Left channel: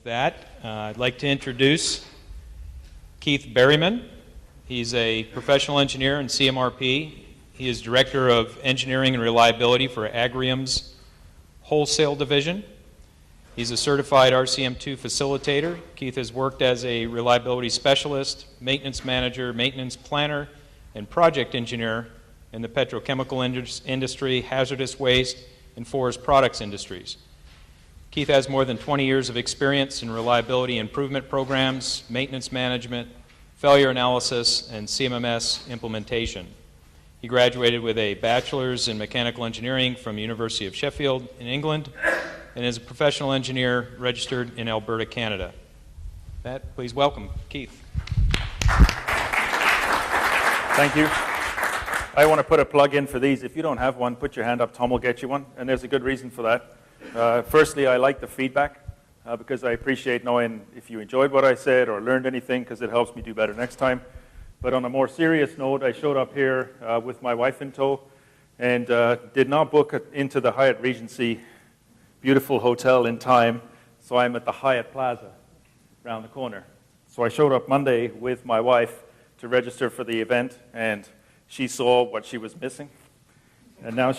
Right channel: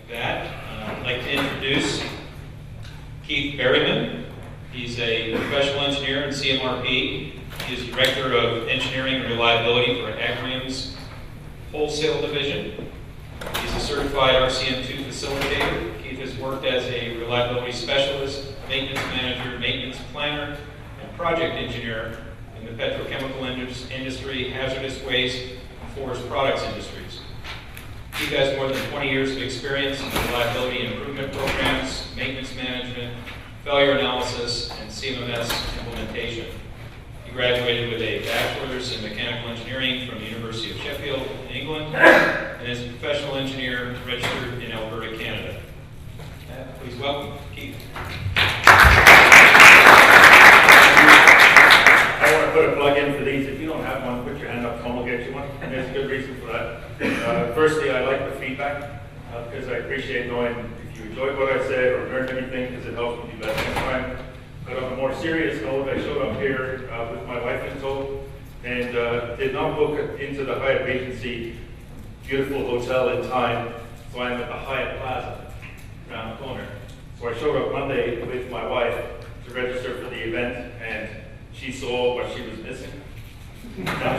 With that, I'd like to introduce Keith Berriman. He's a professional engineer in CMRP. He is Director of Engineering and Reliability for Agrium's Wholesale Division. He's a certified RCM2 facilitator. Keith has worked as a reliability specialist, maintenance manager, maintenance planner, and project engineer in the petrochemical industry, hazardous waste, and forest products industries. Keith has more than 20 years of experience in reliability improvement programs, maintenance management, failure analysis, and CMMS implementation. He graduated with a bachelor's in mechanical engineering from the University of Sheffield in England, and is a professional engineer registered in Alberta, Canada. With that, please welcome Keith. Thank you. I want to put a plug in for these. If you don't have one, put your hand up. Tom will get you one, and there's a good reason for that. Firstly, I like the feedback because I appreciate knowing if you enjoyed what I said or learned anything, because it helps me do better next time. But on a more serious note, I showed up here with my wife in tow and did not book into the Hyatt Regency beautiful hotel in time, so I'm at the Hyatt Plaza around the corner. So I showed up Monday with my wife to register for the event, and she saw what she was missing. Now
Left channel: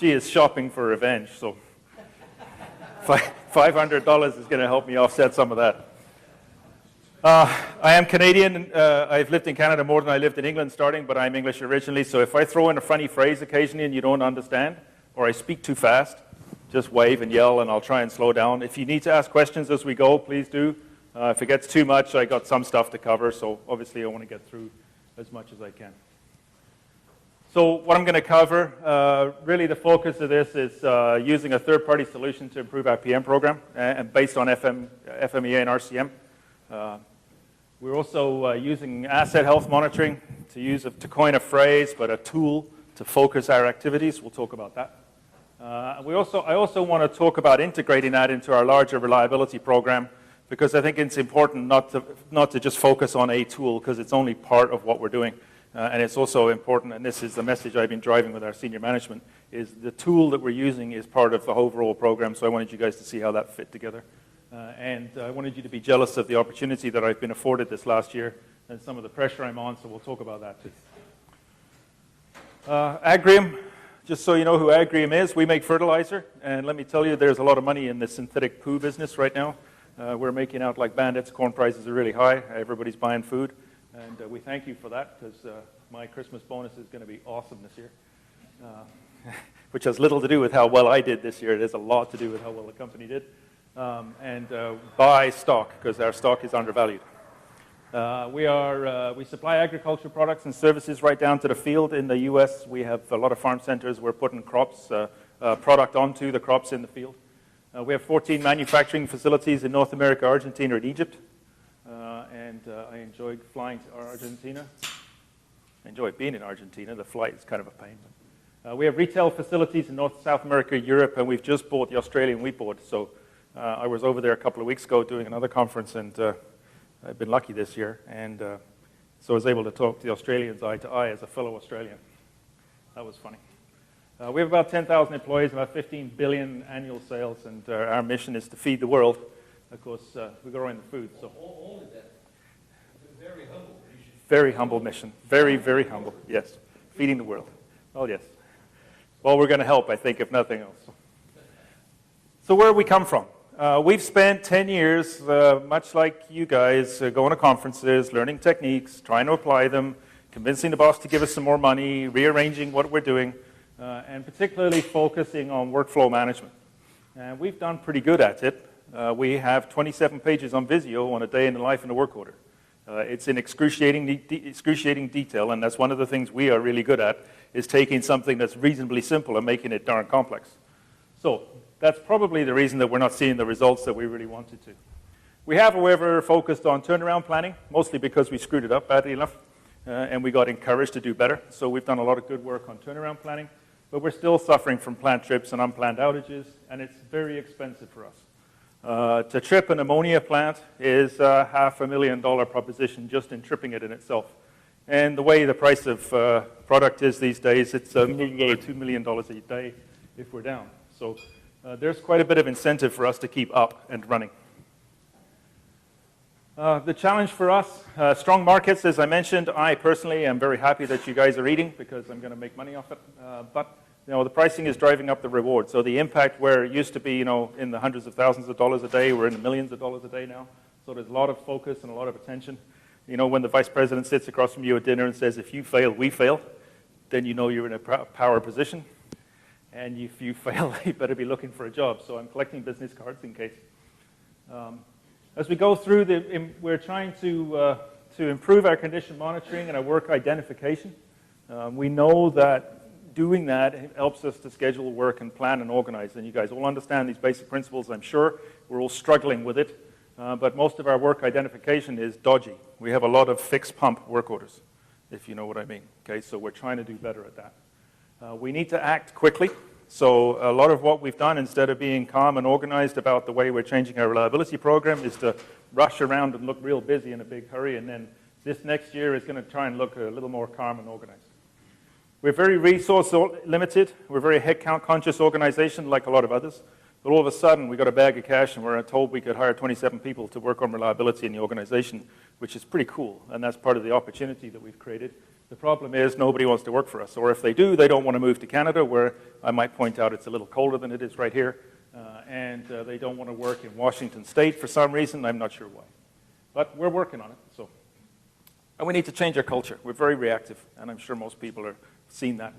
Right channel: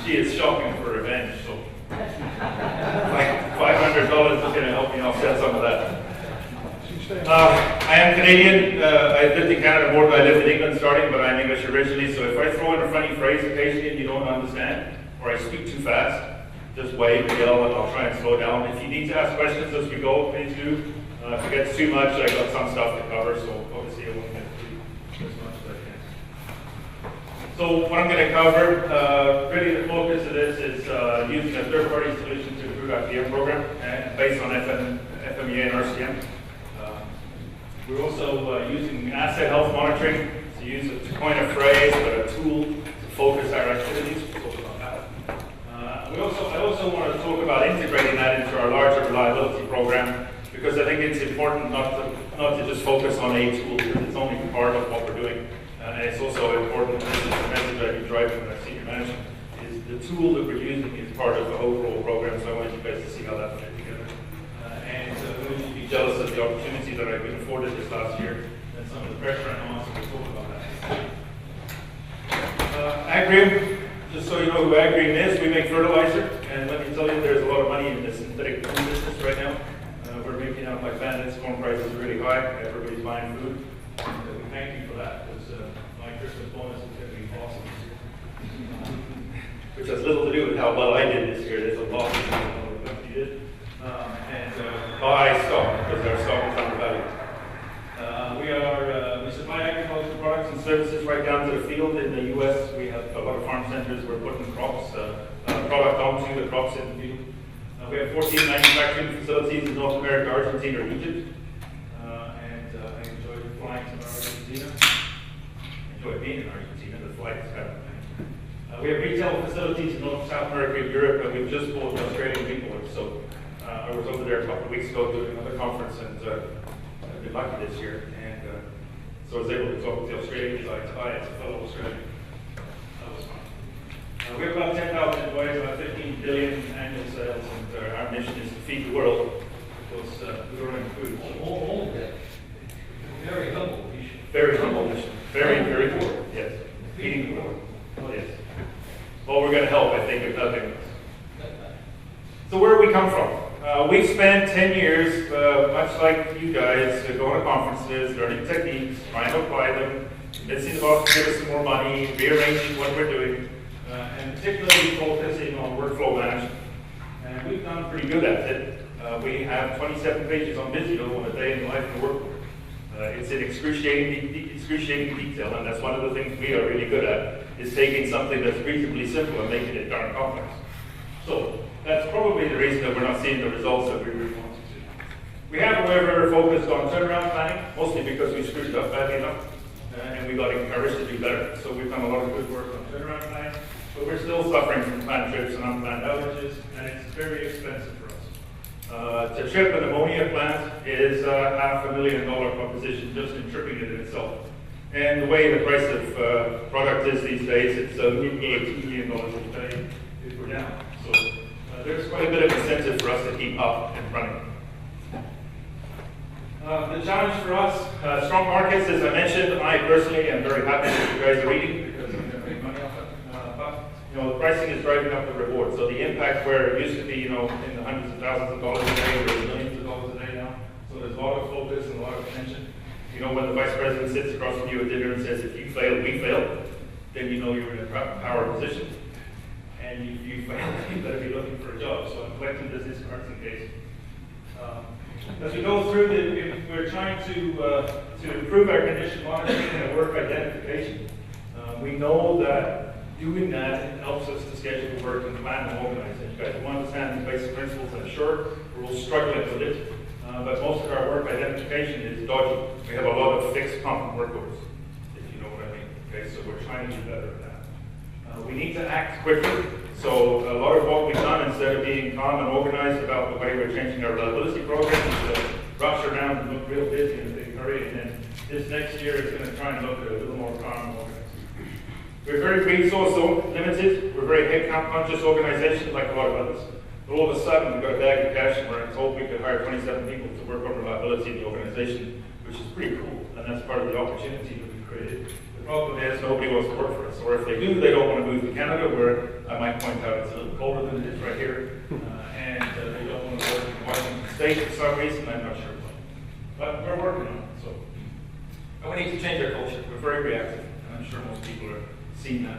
she is shopping for revenge, so $500 is going to help me offset some of that. I am Canadian. I lived in Canada more than I lived in England starting, but I'm English originally, so if I throw in a funny phrase occasionally and you don't understand, or I speak too fast, just wave and yell and I'll try and slow down. If you need to ask questions as we go, please do. If it gets too much, I got some stuff to cover, so obviously I won't get through as much as I can. So what I'm going to cover, really the focus of this is using a third-party solution to improve our PM program, and based on FMEA and RCM. We're also using asset health monitoring to coin a phrase, but a tool to focus our activities. We'll talk about that. I also want to talk about integrating that into our larger reliability program, because I think it's important not to just focus on a tool, because it's only part of what we're doing. And it's also important, and this is the message I've been driving with our senior management, is the tool that we're using is part of the overall program, so I wanted you guys to see how that fit together. And I wanted you to be jealous of the opportunity that I've been afforded this last year, and some of the pressure I'm on, so we'll talk about that. Agrium, just so you know who Agrium is, we make fertilizer, and let me tell you, there's a lot of money in the synthetic food business right now. We're making out like bandits, corn prices are really high, everybody's buying food, and we thank you for that, because my Christmas bonus is going to be awesome. Which has little to do with how well I did this year, it has a lot to do with what the company did. Buy stock, because our stock is undervalued. We supply agriculture products and services right down to the field. In the US, we have a lot of farm centers. We're putting product onto the crops in the field. We have 14 manufacturing facilities in North America, Argentina, and Egypt. And I enjoy flying to Argentina. I enjoy being in Argentina. The flight is kind of a pain. We have retail facilities in North and South America and Europe, and we've just bought the Australian wheat board. So I was over there a couple of weeks ago doing another conference, and I've been lucky this year, and so I was able to talk to the Australians eye to eye as a fellow Australian. That was fun. We have about 10,000 employees, about 15 billion annual sales, and our mission is to feed the world, because we're growing food. Very humble mission. Very humble mission. Very, very humble, yes. Feeding the world. Oh, yes. Well, we're going to help, I think, if nothing else. So where do we come from? We've spent 10 years, much like you guys, going to conferences, learning techniques, trying to apply them, convincing the boss to give us some more money, rearranging what we're doing, and particularly focusing on workflow management. And we've done pretty good at it. We have 27 pages on Visio on a day in the life in the work order. It's in excruciating detail, and that's one of the things we are really good at, is taking something that's reasonably simple and making it darn complex. So that's probably the reason that we're not seeing the results that we really want to see. We have, however, focused on turnaround planning, mostly because we screwed it up badly enough, and we got encouraged to do better. So we've done a lot of good work on turnaround planning, but we're still suffering from plant trips and unplanned outages, and it's very expensive for us. To trip an ammonia plant is a $500,000 proposition just in tripping it in itself. And the way the price of product is these days, it's $2 million a day if we're down. So there's quite a bit of incentive for us to keep up and running. The challenge for us, strong markets, as I mentioned. I personally am very happy that you guys are eating because I'm going to make money off it. But the pricing is driving up the reward. So the impact where it used to be, in the hundreds of thousands of dollars a day, we're in millions of dollars a day now. So there's a lot of focus and a lot of attention. When the vice president sits across from you at dinner and says, "If you fail, we fail," then you know you're in a power position. And if you fail, you better be looking for a job. So I'm collecting business cards in case. As we go through, we're trying to improve our condition monitoring and our work identification. We know that doing that helps us to schedule work and plan and organize. And you guys will understand these basic principles, I'm sure. We're all struggling with it. But most of our work identification is dodgy. We have a lot of fixed pump work orders, if you know what I mean. Okay, so we're trying to do better at that. We need to act quickly. So a lot of what we've done, instead of being calm and organized about the way we're changing our reliability program, is to rush around and look real busy in a big hurry. And then this next year is going to try and look a little more calm and organized. We're very resource limited. We're a very headcount conscious organization, like a lot of others. But all of a sudden, we got a bag of cash and we're told we could hire 27 people to work on reliability in the organization, which is pretty cool. And that's part of the opportunity we've created. The problem is nobody wants to work for us. Or if they do, they don't want to move to Canada, where I might point out it's a little colder than it is right here. And they don't want to work in Washington State for some reason. I'm not sure. But we're working on it. So. And we need to change our culture. We're very reactive. And I'm sure most people are seeing that.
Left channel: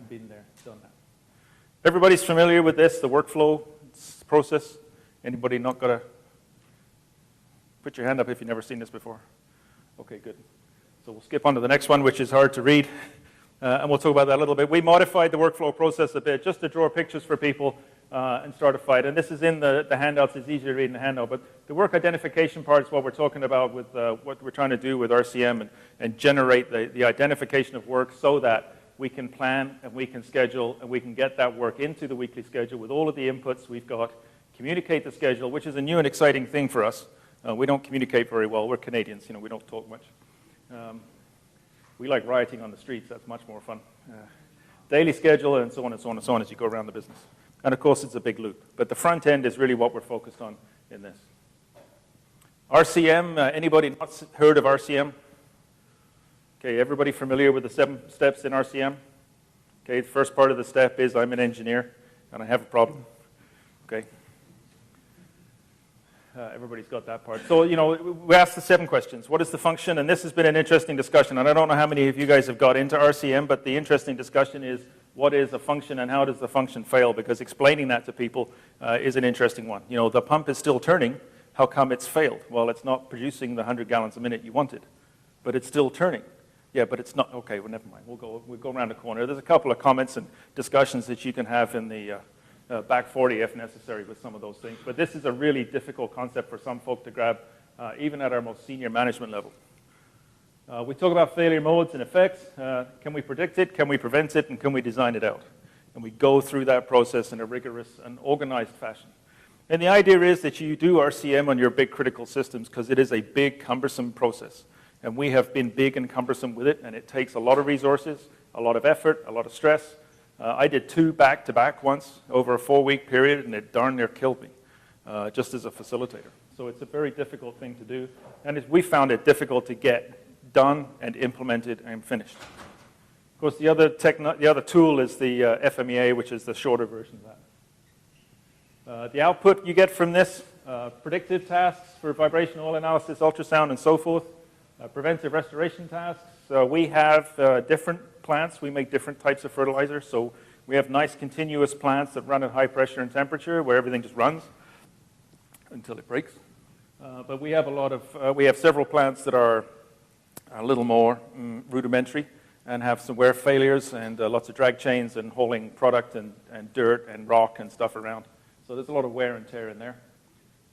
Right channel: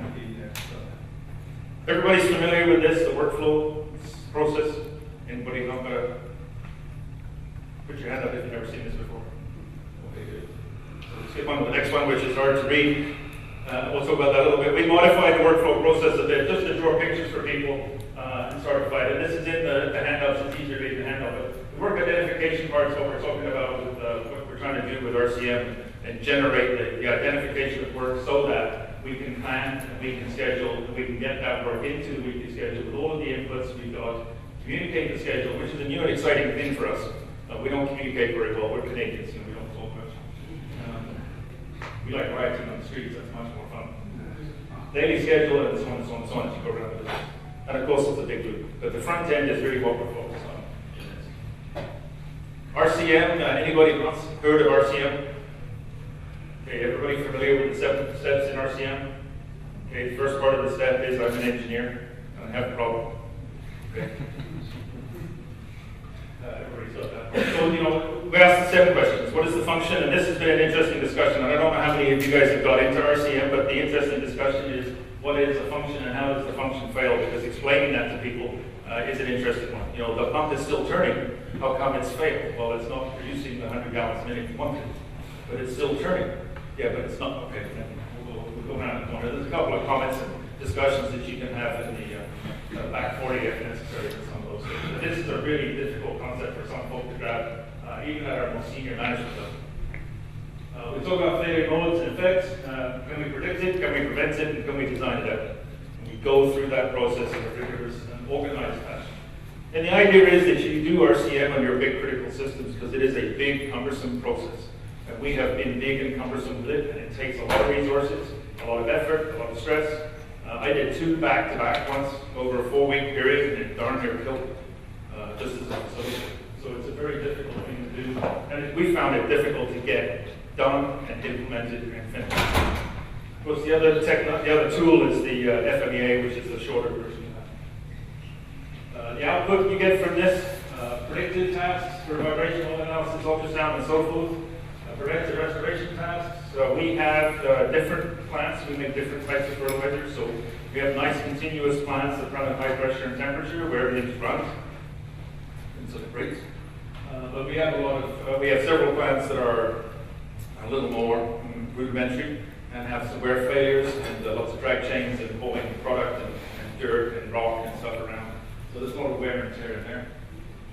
Everybody's familiar with this, the workflow process. Anybody not got to put your hand up if you've never seen this before? Okay, good. So we'll skip on to the next one, which is hard to read, and we'll talk about that a little bit. We modified the workflow process a bit just to draw pictures for people and start a fight. And this is in the handout, so it's easier to read in the handout. But the work identification part is what we're talking about with what we're trying to do with RCM and generate the identification of work so that we can plan and we can schedule and we can get that work into the weekly schedule with all of the inputs we've got, communicate the schedule, which is a new and exciting thing for us. We don't communicate very well. We're Canadians, we don't talk much. We like riding on the streets. That's much more fun. Daily schedule and so on and so on and so on as you go around the business. And of course, it's a big loop. But the front end is really what we're focused on in this. RCM, anybody heard of RCM? Okay, everybody familiar with the 7 steps in RCM? Okay, first part of the step is I'm an engineer and I have a problem. Okay? Everybody's got that part. So, we asked the 7 questions. What is the function? And this has been an interesting discussion. And I don't know how many of you guys have got into RCM, but the interesting discussion is what is the function and how does the function fail? Because explaining that to people is an interesting one. The pump is still turning. How come it's failed? Well, it's not producing the 100 gallons a minute you wanted, but it's still turning. Yeah, but it's not. Okay, well, then we'll go around the corner. There's a couple of comments and discussions that you can have in the back 40 if necessary, some of those things. But this is a really difficult concept for some folks to grab, even at our most senior management level. We talk about failure modes and effects. Can we predict it? Can we prevent it? And can we design it out? And we go through that process in a rigorous and organized fashion. And the idea is that you do RCM on your big critical systems because it is a big, cumbersome process. And we have been big and cumbersome with it, and it takes a lot of resources, a lot of effort, a lot of stress. I did 2 back-to-back once over a 4-week period, and it darn near killed me, just as a facilitator. So it's a very difficult thing to do, and we found it difficult to get done and implemented and finished. Of course, the other tool is the FMEA, which is the shorter version. The output you get from this, predicted tasks for vibrational analysis, ultrasound, and so forth. Preventive restoration tasks. We have different plants. We make different types of fertilizers. So we have nice continuous plants that run at high pressure and temperature where everything just runs until it breaks. But we have we have several plants that are a little more rudimentary and have some wear failures and lots of drag chains and hauling product and dirt and rock and stuff around. So there's a lot of wear and tear in there.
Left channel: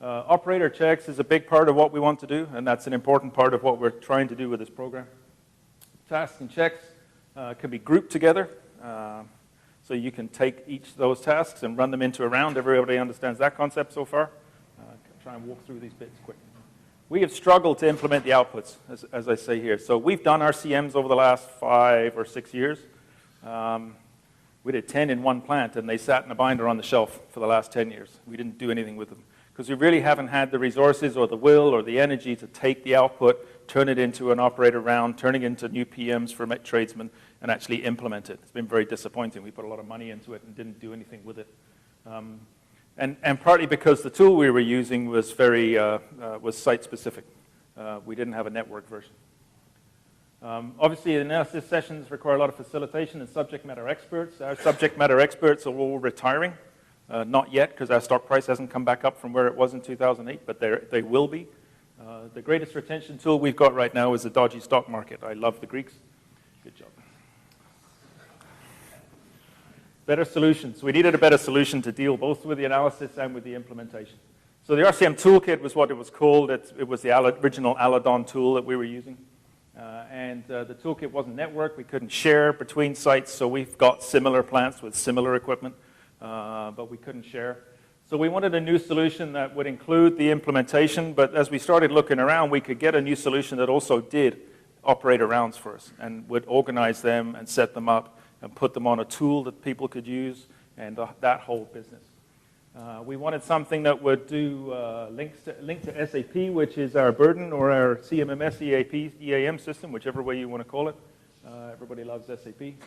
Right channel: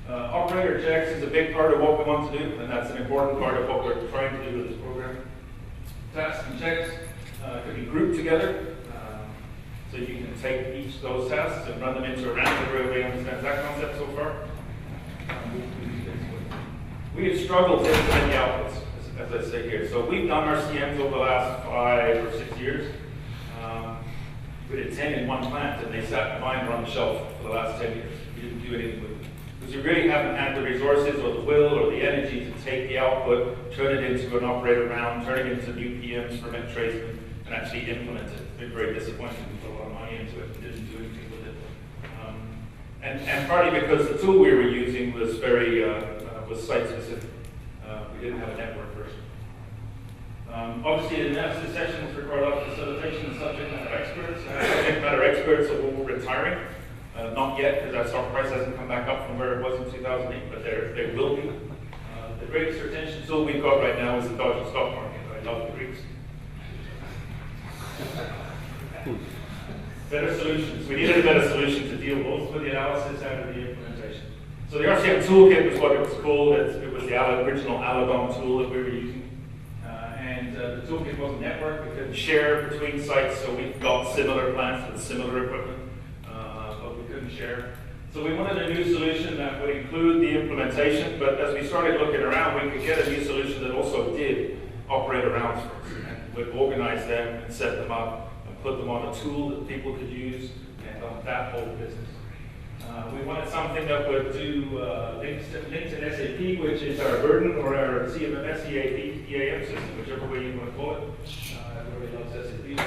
Operator checks is a big part of what we want to do, and that's an important part of what we're trying to do with this program. Tasks and checks can be grouped together, so you can take each of those tasks and run them into a round. Everybody understands that concept so far. We have struggled to implement the outputs, as I say here. So we've done RCMs over the last 5 or 6 years. We did 10 in one plant, and they sat in a binder on the shelf for the last 10 years. We didn't do anything with them. because we really haven't had the resources or the will or the energy to take the output, turn it into an operator round, turn it into new PMs for tradesmen, and actually implement it. It's been very disappointing. We put a lot of money into it, didn't do anything with it. And partly because the tool we were using was very was site specific. We didn't have a network version. Obviously, analysis sessions require a lot of facilitation. Subject matter experts. Our subject matter experts are all retiring. Not yet, because our stock price hasn't come back up from where it was in 2008, but they will be. The greatest retention tool we've got right now is the dodgy stock market. I love the Greeks. Better solutions. We needed a better solution to deal both with the analysis and with the implementation. So the RCM toolkit was what it was called. It was the original Aladon tool that we were using. The toolkit wasn't networked. We couldn't share between sites, so we've got similar plants with similar equipment, but we couldn't share. So we wanted a new solution that would include the implementation, but as we started looking around, we could get a new solution that also did operator rounds for us and would organize them and set them up and put them on a tool that people could use and that whole business. We wanted something that would do link to SAP, which is our burden, or our CMMS EAM system, whichever way you want to call it. Everybody loves SAP.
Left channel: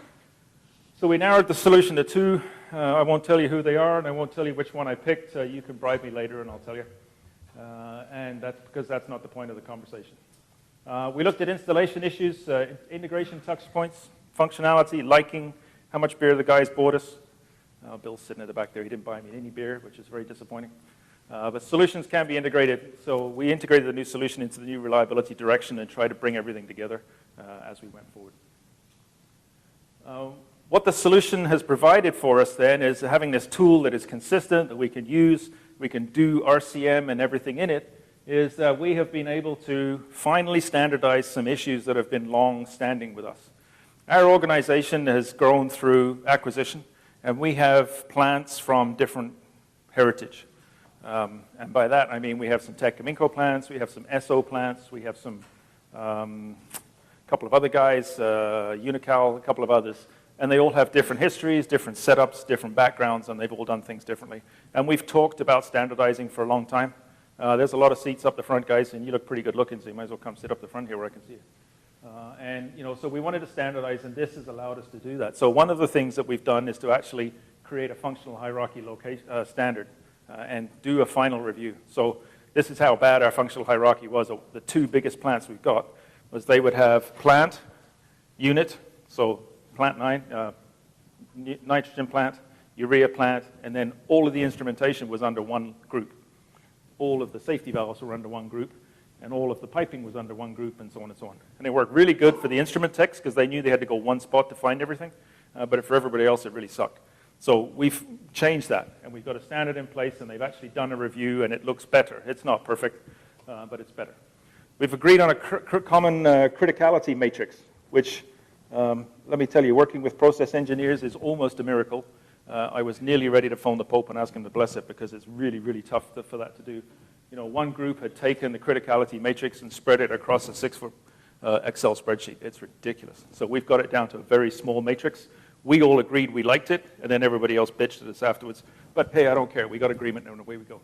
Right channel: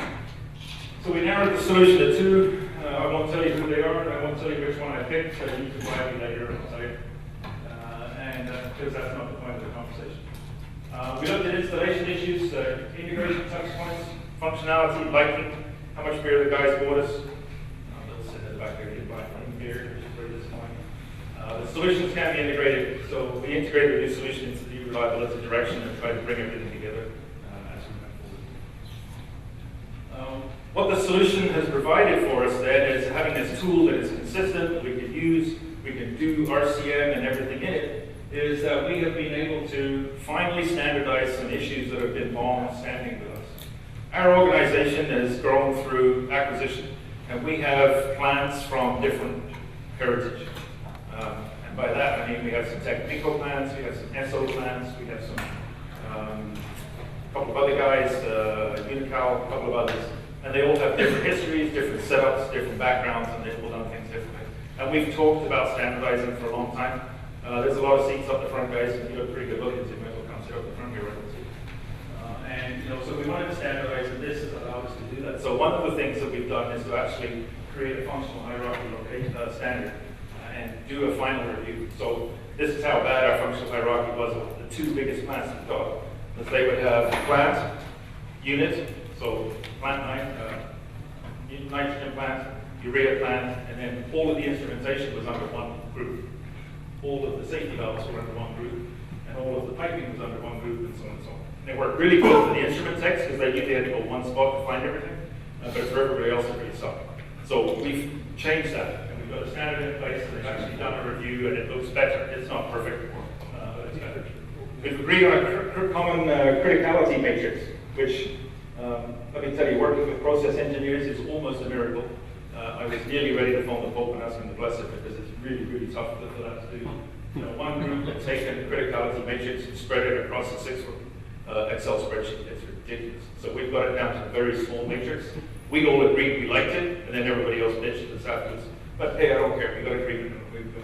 So we narrowed the solution to two. I won't tell you who they are, and I won't tell you which one I picked, so you can try me later. And that's because that's not the point of the conversation. We looked at installation issues, integration touch points, functionality, liking, how much beer the guys bought us. Bill's sitting in the back there, he didn't buy any beer, which is very disappointing. But solutions can be integrated, so we integrated a new solution into the new reliability direction and try to bring everything together as we move forward. What the solution has provided for us then is having this tool that is consistent, that we can use, we can do RCM and everything in it, is we have been able to finally standardize some issues that have been long standing with us. Our organization has grown through acquisition, and we have plants from different heritage. And by that, I mean we have some Technico plants, we have some SO plants, we have some couple of other guys, Unical, a couple of others. And they all have different histories, different setups, different backgrounds, and they've all done things differently. And we've talked about standardizing for a long time. There's a lot of seats up the front, guys, and you look pretty good looking, so you might as well come sit up the front here where I can see. So we wanted to standardize, and this allowed us to do that. So one of the things that we've done is to actually create a functional hierarchy standard and do a final review. So this is how bad our functional hierarchy was. The two biggest plants we've got was they would have plant, unit, so plant nitrogen plant, urea plant, and then all of the instrumentation was under one group. All of the safety valves were under one group, and all of the piping was under one group, and so on and so on. And they worked really good for the instrument techs because they knew they had to go one spot to find everything, but for everybody else it really sucked. So we've changed that. We've got a standard in place, and they've actually done a review, and it looks better. It's not perfect, but it's better. We've agreed on a common criticality matrix, which, let me tell you, working with process engineers is almost a miracle. I was nearly ready to phone the Pope and ask him to bless it because it's really, really tough for that to do. One group had taken the criticality matrix and spread it across a 6-foot Excel spreadsheet. It's ridiculous. So we've got it down to a very small matrix. We all agreed we liked it, and then everybody else bitched at us afterwards. But hey, I don't care. We got agreement on the way we go.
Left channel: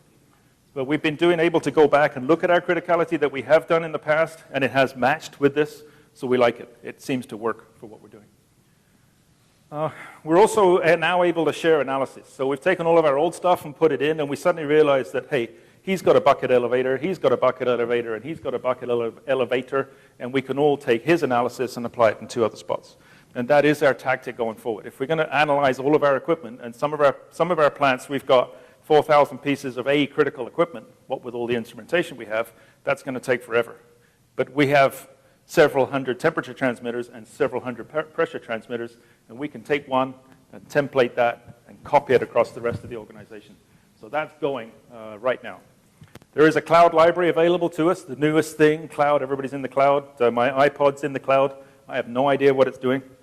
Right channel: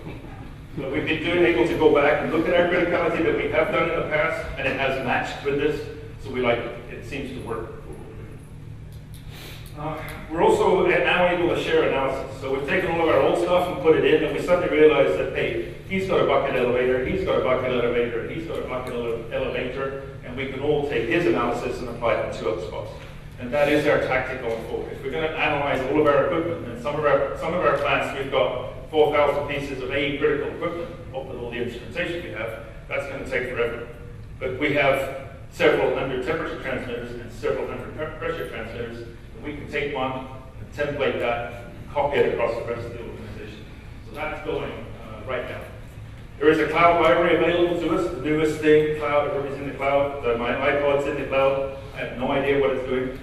But we've been able to go back and look at our criticality that we have done in the past, and it has matched with this. So we like it. It seems to work. We're also now able to share analysis. So we've taken all of our old stuff and put it in, and we suddenly realized that, hey, he's got a bucket elevator, he's got a bucket elevator, and he's got a bucket elevator, and we can all take his analysis and apply it in 2 other spots. And that is our tactic going forward. If we're going to analyze all of our equipment, and some of our plants, we've got 4,000 pieces of critical equipment, what with all the instrumentation we have, that's going to take forever. But we have several hundred temperature transmitters and several hundred pressure transmitters, and we can take one and template that and copy it across the rest of the organization. So that's going right now. There is a cloud library available to us, the newest thing, cloud, everybody's in the cloud. My iPod's in the cloud. I have no idea what it's doing,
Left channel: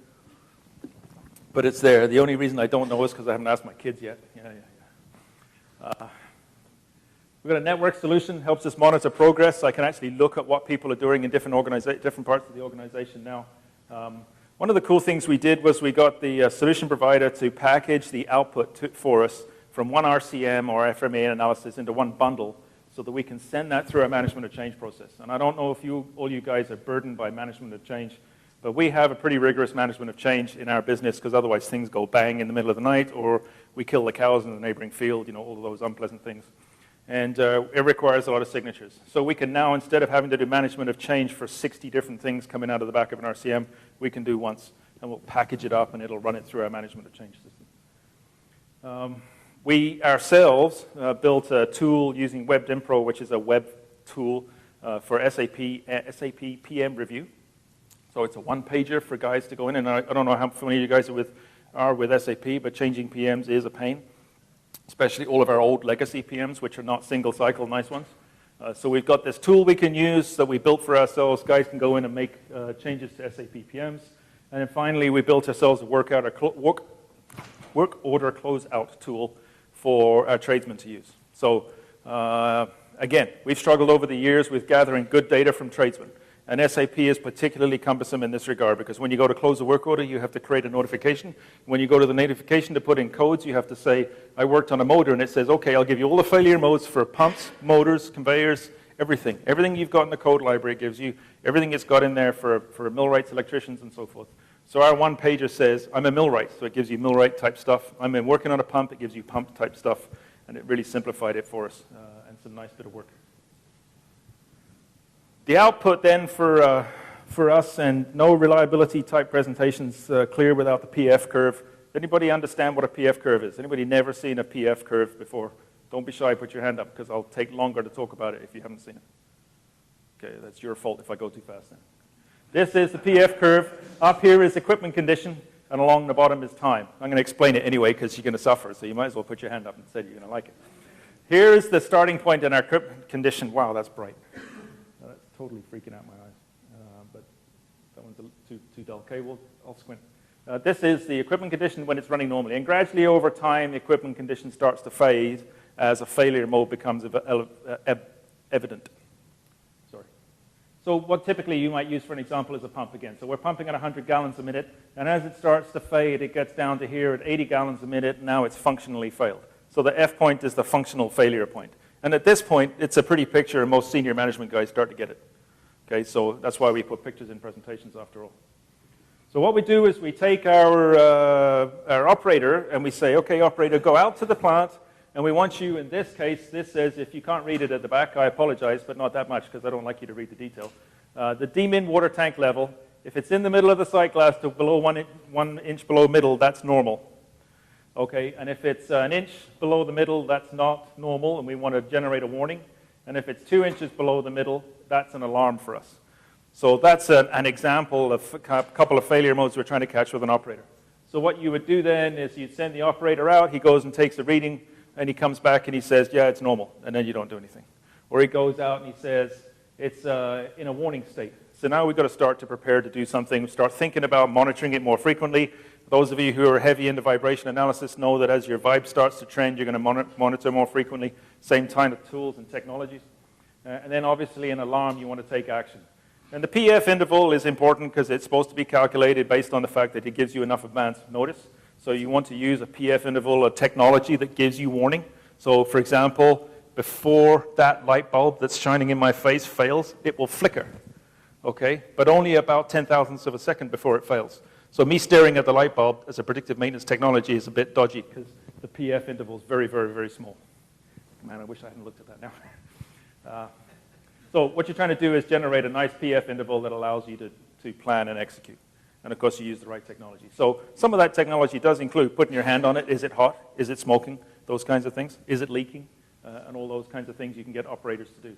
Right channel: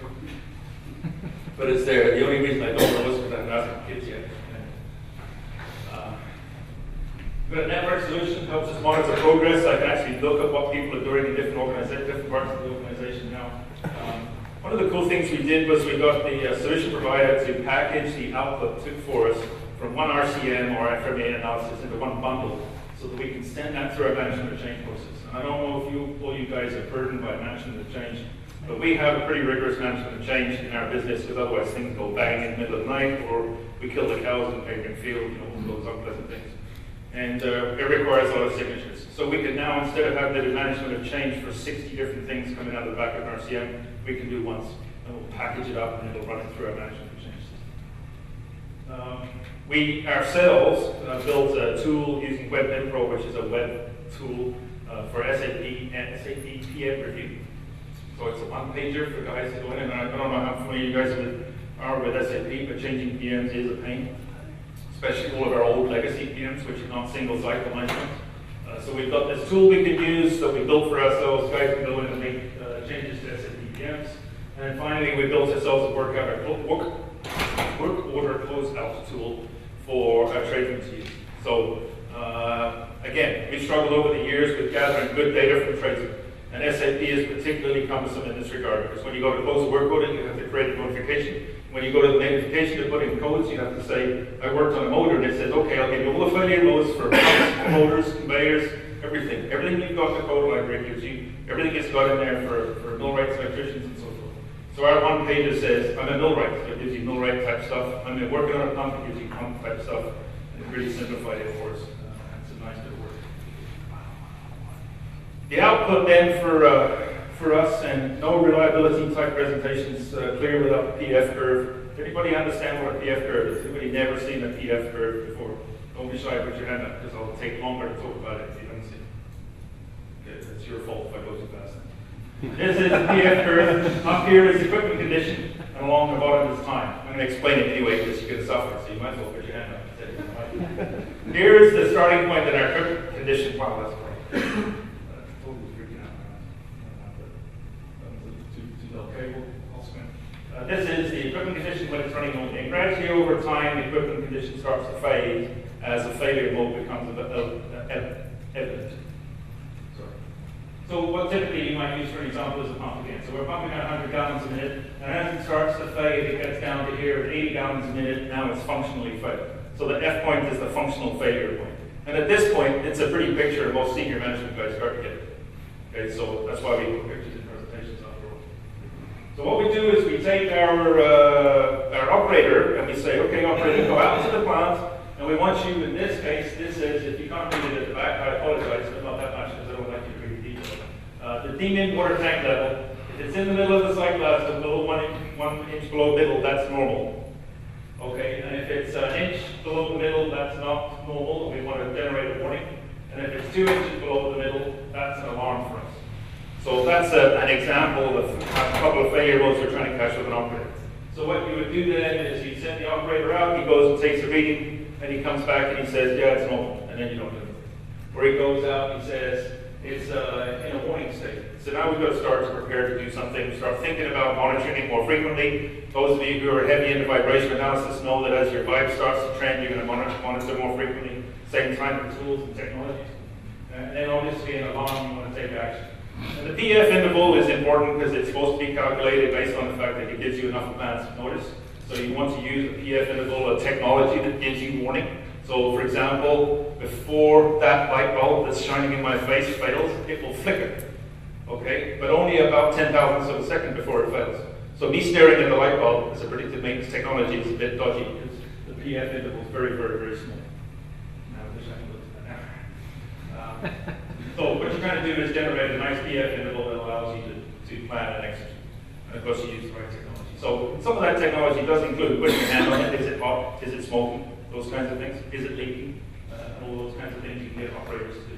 but it's there. The only reason I don't know is because I haven't asked the kids yet. We've got a network solution, helps us monitor progress. I can actually look at what people are doing in different parts of the organization now. One of the cool things we did was we got the solution provider to package the output for us from one RCM or FMEA analysis into one bundle so that we can send that through our management of change process. And I don't know if all you guys are burdened by management of change, but we have a pretty rigorous management of change in our business because otherwise things go bang in the middle of the night or we kill the cows in the neighboring field, all those unpleasant things. And it requires a lot of signatures. So we can now, instead of having to do management of change for 60 different things coming out of the back of an RCM, we can do once, and we'll package it up and it'll run it through our management of change. We ourselves built a tool using WebDimpro, which is a web tool for SAP PM review. So it's a one-pager for guys to go in, and I don't know how familiar you guys are with SAP, but changing PMs is a pain, especially all of our old legacy PMs, which are not single-cycle nice ones. So we've got this tool we can use that we built for ourselves. Guys can go in and make changes to SAP PMs. And then finally, we built ourselves a work order closeout tool for our tradesmen to use. So again, we've struggled over the years with gathering good data from tradesmen. And SAP is particularly cumbersome in this regard because when you go to close a work order, you have to create a notification. When you go to the notification to put in codes, you have to say, I worked on a motor, and it says, okay, I'll give you all the failure modes for pumps, motors, conveyors, everything. Everything you've got in the code library gives you, everything it's got in there for millwrights, electricians, and so forth. So our one pager says, I'm a millwright, so it gives you millwright type stuff. I'm working on a pump, it gives you pump type stuff, and it really simplified it for us. The output then for us, and no reliability type presentations clear without the PF curve. Anybody understand what a PF curve is? Anybody never seen a PF curve before? Don't be shy, put your hand up, because I'll take longer to talk about it if you haven't seen it. Okay, that's your fault if I go too fast. This is the PF curve. Up here is equipment condition, and along the bottom is time. I'm going to explain it anyway, because you're going to suffer, so you might as well put your hand up and say you don't like it. Here's the starting point in our equipment condition. Wow, that's bright. This is the equipment condition when it's running normally. And gradually over time, the equipment condition starts to fade as a failure mode becomes evident. So what typically you might use for an example is a pump again. So we're pumping at 100 gallons a minute, and as it starts to fade, it gets down to here at 80 gallons a minute, and now it's functionally failed. So the F point is the functional failure point. And at this point, it's a pretty picture most senior management guys start to get it. Okay, so that's why we put pictures in presentations after all. So what we do is we take our operator and we say, okay, operator, go out to the plant, and we want you, in this case, this says, if you can't read it at the back, I apologize, but not that much because I don't like you to read the details. The demin water tank level, if it's in the middle of the sight glass, so below one inch below middle, that's normal. Okay, and if it's an inch below the middle, that's not normal, and we want to generate a warning. And if it's 2 inches below the middle, that's an alarm for us. So that's an example of a couple of failure modes we're trying to catch with an operator. So what you would do then is you send the operator out, he goes and takes the reading, and he comes back and he says, yeah, it's normal, and then you don't do anything. Or he goes out and he says, it's in a warning state. So now we've got to start to prepare to do something, start thinking about monitoring it more frequently. Those of you who are heavy into vibration analysis know that as your vibe starts to trend, you're going to monitor more frequently. Same time with tools and technology. And then obviously an alarm, you want to take action. And the PF interval is important because it's supposed to be calculated based on the fact that it gives you enough advance notice. So you want to use a PF interval, a technology that gives you warning. So for example, before that light bulb that's shining in my face fails, it will flicker. Okay, but only about 10,000ths of a second before it fails. So me staring at the light bulb as a predictive maintenance technology is a bit dodgy. The PF interval is very, very, very small. Man, I wish I could look at that now. So what you're trying to do is generate a nice PF interval that allows you to plan and execute. And of course you use the right technology. So some of that technology does include putting your hand on it. Is it hot? Is it smoking? Those kinds of things. Is it leaking? And all those kinds of things you can get operators to do.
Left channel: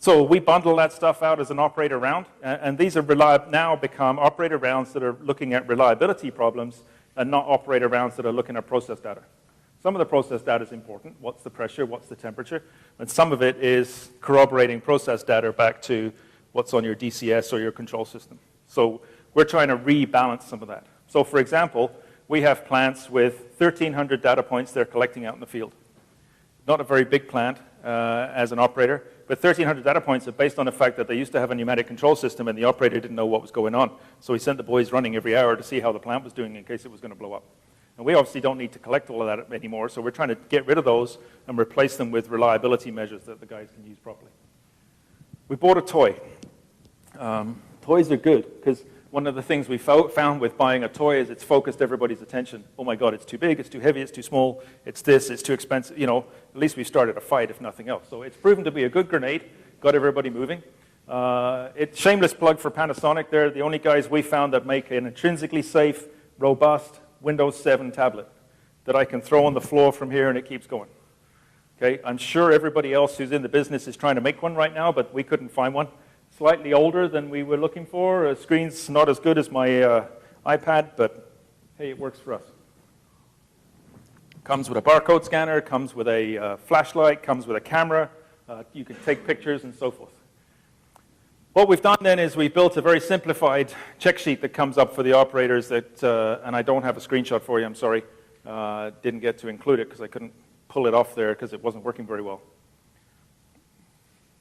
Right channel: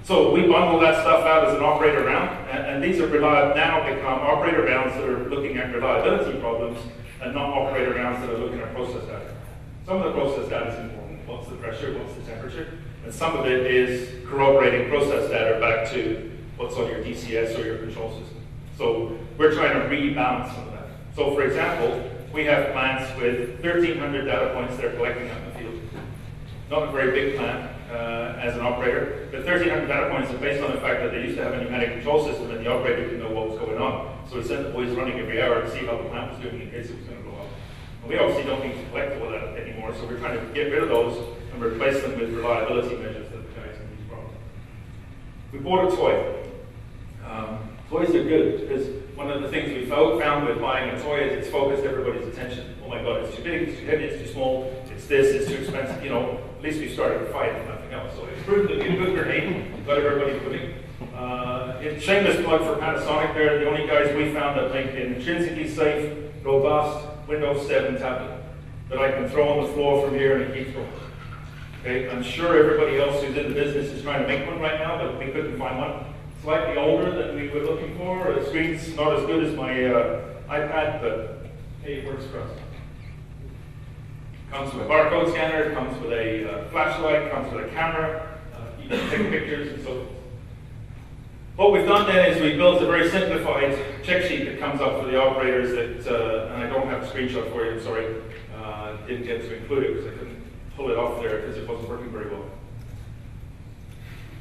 So we bundle that stuff out as an operator round. And these are now become operator rounds that are looking at reliability problems and not operator rounds that are looking at process data. Some of the process data is important. What's the pressure? What's the temperature? And some of it is corroborating process data back to what's on your DCS or your control system. So we're trying to rebalance some of that. So for example, we have plants with 1,300 data points they're collecting out in the field. Not a very big plant as an operator, but 1,300 data points is based on the fact that they used to have a pneumatic control system and the operator didn't know what was going on. So he sent the boys running every hour to see how the plant was doing in case it was going to blow up. And we obviously don't need to collect all of that anymore, so we're trying to get rid of those and replace them with reliability measures that the guys can use properly. We bought a toy. Toys are good, because one of the things we found with buying a toy is it's focused everybody's attention. Oh my God, it's too big, it's too heavy, it's too small, it's this, it's too expensive. You know, at least we started a fight, if nothing else. So it's proven to be a good grenade, got everybody moving. It's shameless plug for Panasonic. They're the only guys we found that make an intrinsically safe, robust Windows 7 tablet that I can throw on the floor from here and it keeps going. Okay, I'm sure everybody else who's in the business is trying to make one right now, but we couldn't find one. Slightly older than we were looking for. The screen's not as good as my iPad, but hey, it works for us. Comes with a barcode scanner, comes with a flashlight, comes with a camera. You can take pictures and so forth. What we've done then is we built a very simplified check sheet that comes up for the operators that, and I don't have a screenshot for you, I'm sorry. Didn't get to include it because I couldn't pull it off there because it wasn't working very well.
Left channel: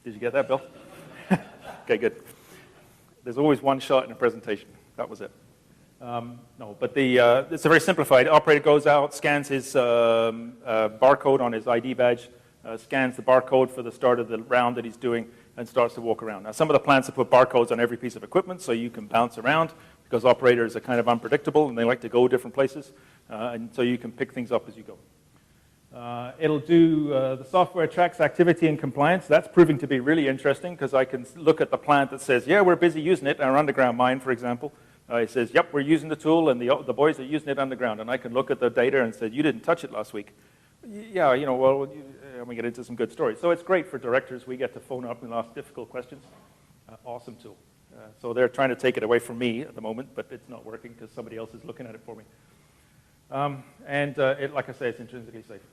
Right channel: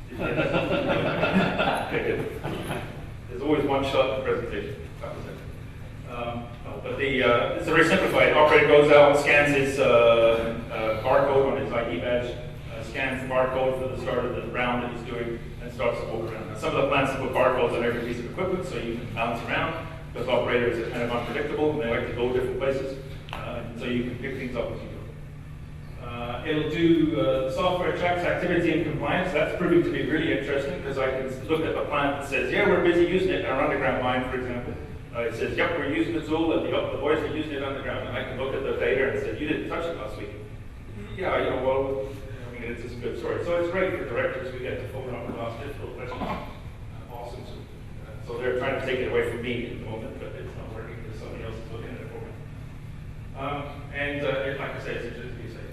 Did you get that, Bill? Okay, good. There's always one shot in the presentation. That was it. But it's a very simplified. Operator goes out, scans his barcode on his ID badge, scans the barcode for the start of the round that he's doing, and starts to walk around. Now, some of the plants have put barcodes on every piece of equipment, so you can bounce around, because operators are kind of unpredictable, and they like to go different places, and so you can pick things up as you go. It'll do software tracks activity and compliance. That's proving to be really interesting because I can look at the plant that says, yeah, we're busy using it in our underground mine, for example. It says, yep, we're using the tool, and the boys are using it underground. And I can look at the data and say, you didn't touch it last week. Yeah, you know, well, we get into some good stories. So it's great for directors. We get to phone up and ask difficult questions. Awesome. So they're trying to take it away from me at the moment, but it's not working because somebody else is looking at it for me. Like I say, it's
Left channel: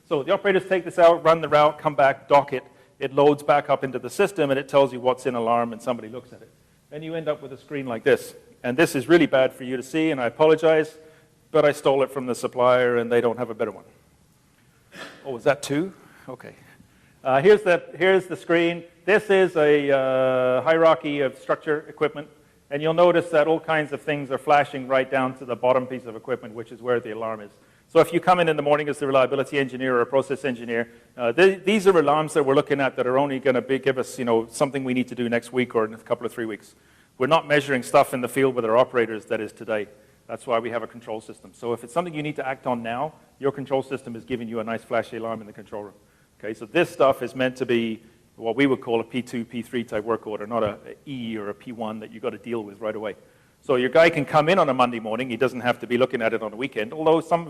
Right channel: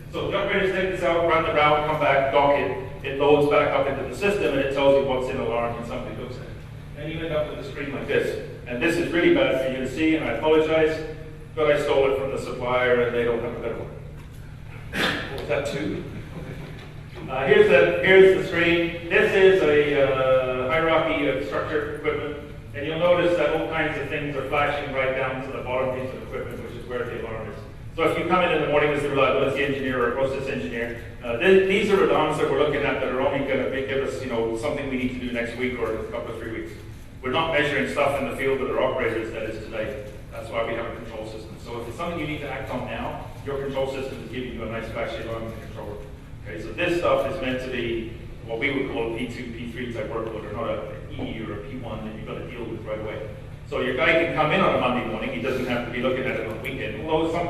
so the operators take this out, run the route, come back, dock it. It loads back up into the system, and it tells you what's in alarm, and somebody looks at it. And you end up with a screen like this. And this is really bad for you to see, and I apologize, but I stole it from the supplier, and they don't have a better one. Oh, is that two? Okay. Here's the screen. This is a hierarchy of structured equipment, and you'll notice that all kinds of things are flashing right down to the bottom piece of equipment, which is where the alarm is. So if you come in the morning as a reliability engineer or a process engineer, these are alarms that we're looking at that are only going to give us, you know, something we need to do next week or in a couple of 3 weeks. We're not measuring stuff in the field with our operators that is today. That's why we have a control system. So if it's something you need to act on now, your control system is giving you a nice flashy alarm in the control room. Okay, so this stuff is meant to be what we would call a P2, P3 type work order, not an E or a P1 that you've got to deal with right away. So your guy can come in on a Monday morning. He doesn't have to be looking at it on the weekend, although some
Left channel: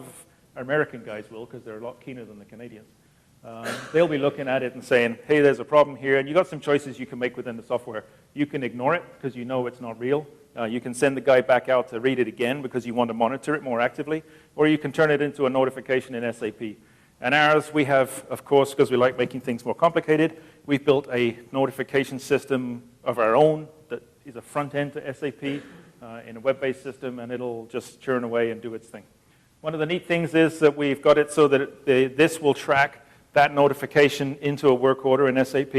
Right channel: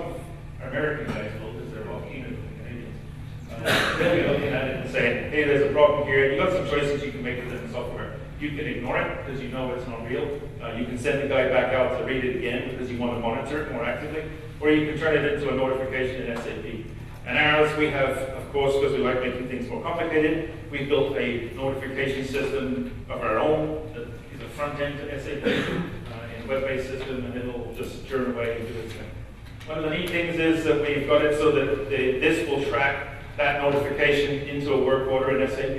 American guys will, because they're a lot keener than Canadians. They'll be looking at it and saying, hey, there's a problem here. You've got some choices you can make within the software. You can ignore it because you know it's not real. You can send the guy back out to read it again because you want to monitor it more actively. Or you can turn it into a notification in SAP. And ours, we have, of course, because we like making things more complicated, we've built a notification system of our own that is a front end to SAP, a web-based system, and it'll just churn away and do its thing. One of the neat things is that we've got it so that this will track that notification into a work order in SAP,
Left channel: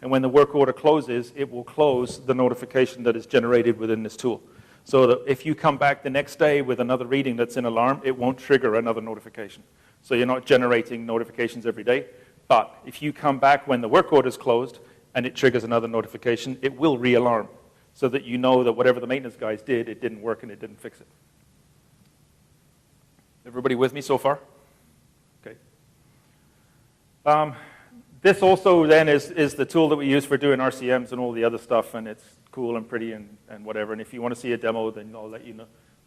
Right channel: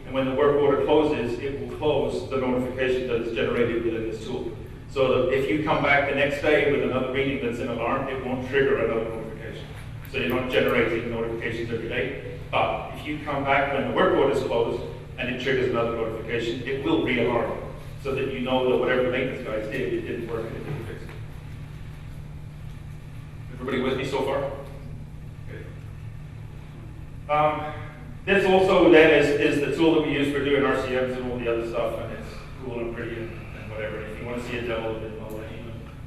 and when the work order closes, it will close the notification that is generated within this tool. So that if you come back the next day with another reading that's in alarm, it won't trigger another notification. So you're not generating notifications every day, but if you come back when the work order is closed and it triggers another notification, it will re-alarm so that you know that whatever the maintenance guys did, it didn't work and it didn't fix it. Everybody with me so far? Okay. This also then is the tool that we use for doing RCMs and all the other stuff, and it's cool and pretty and whatever. And if you want to see a demo, then I'll let you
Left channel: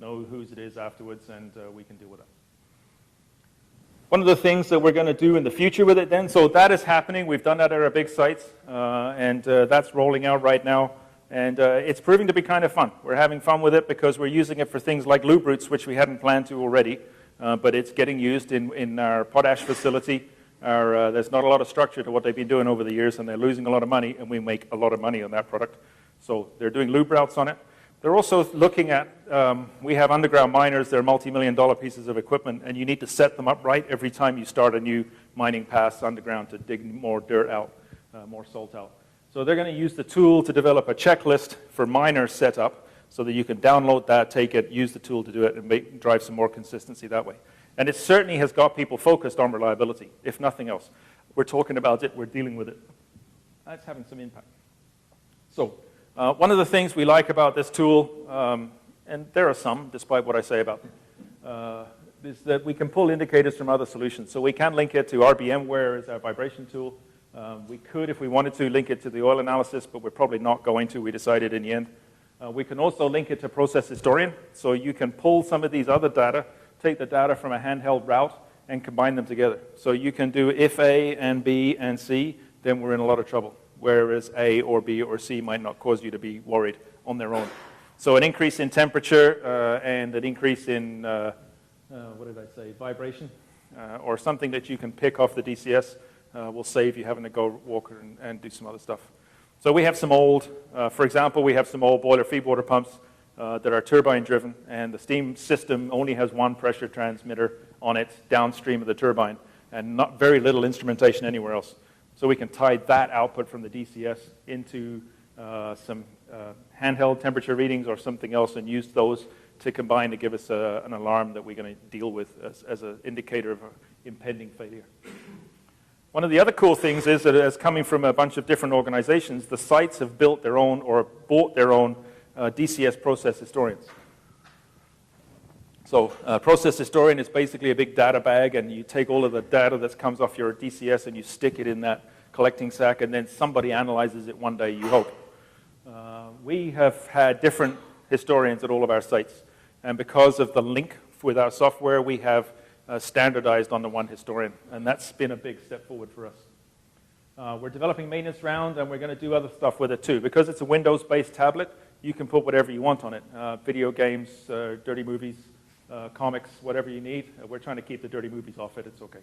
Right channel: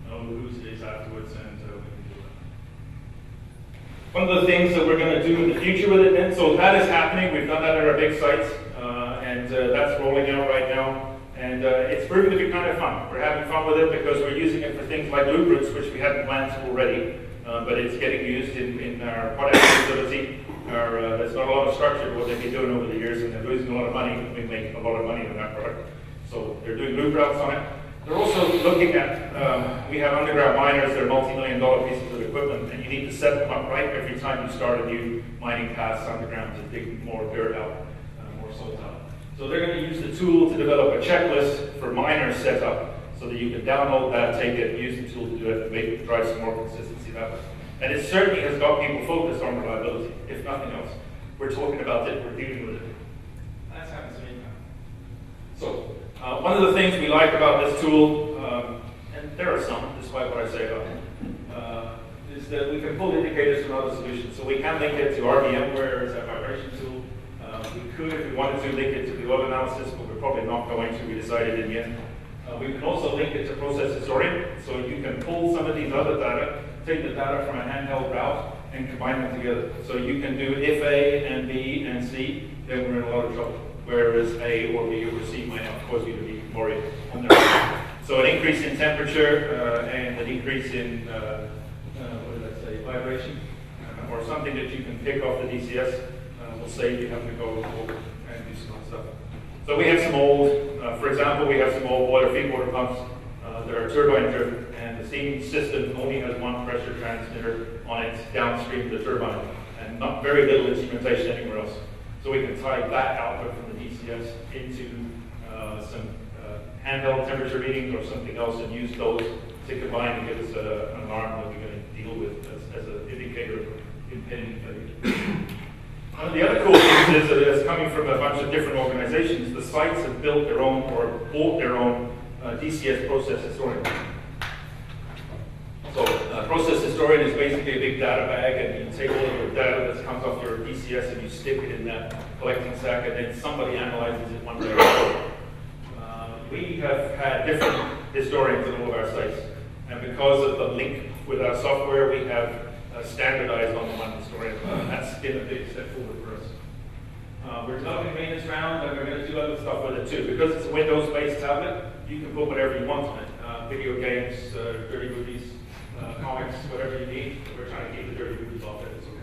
know who it is afterwards. And one of the things that we're going to do in the future with it then, so that is happening. We've done that at our big sites, and that's rolling out right now. And it's proving to be kind of fun. We're having fun with it because we're using it for things like loop routes, which we hadn't planned to already. But it's getting used in our potash facility. There's not a lot of structure to what they've been doing over the years, and they're losing a lot of money, and we make a lot of money on that product. So they're doing loop routes on it. They're also looking at, we have underground miners, they're multi-million-dollar pieces of equipment, and you need to set them up right every time you start a new mining pass underground to dig more dirt out, more salt out. So they're going to use the tool to develop a checklist for miner setup, so that you can download that, take it, use the tool to do it, and drive some more consistency that way. And it certainly has got people focused on reliability, if nothing else. We're talking about it, we're dealing with it. So, one of the things we like about this tool, and there are some, despite what I say about it, is that we can pull indicators from other solutions. So we can link it to RDM, where it's a vibration tool. We could, if we wanted to, link it to the oil analysis, but we're probably not going to, we decided in the end. We can also link it to Process Historian, so you can pull some of these other data, take the data from a handheld route, and combine them together. So you can do if A and B and C, then we're in a lot of trouble. Whereas A or B or C might not cause you to be worried on their own. So an increase in temperature and a decrease in vibration, or something that you can pick off the DCS will save you having to go walk and do some other stuff. So we have some old, for example, we have some old boiler feed water pumps that are turbine driven, and the steam system only has one pressure transmitter on it downstream of the turbine, and not very little instrumentation anywhere else. So we can tie that output from the DCS into some handheld temperature readings or something else, and use those to combine to give us an alarm that we're going to deal with as an indicator of impending failure. One of the other cool things is that it's coming from a bunch of different organizations. The sites have built their own or bought their own DCS process historians. So process historian is basically a big data bag, and you take all of the data that comes off your DCS and you stick it in that collecting sack, and then somebody analyzes it one day. We have had different historians at all of our sites, and because of the link with our software, we have standardized on the one historian, and that's been a big step forward for us. We're developing maintenance round, and we're going to do other stuff with it too. Because it's a Windows-based tablet, you can put whatever you want on it. Video games, dirty movies, comics, whatever you need. We're trying to keep the dirty movies off it, it's okay,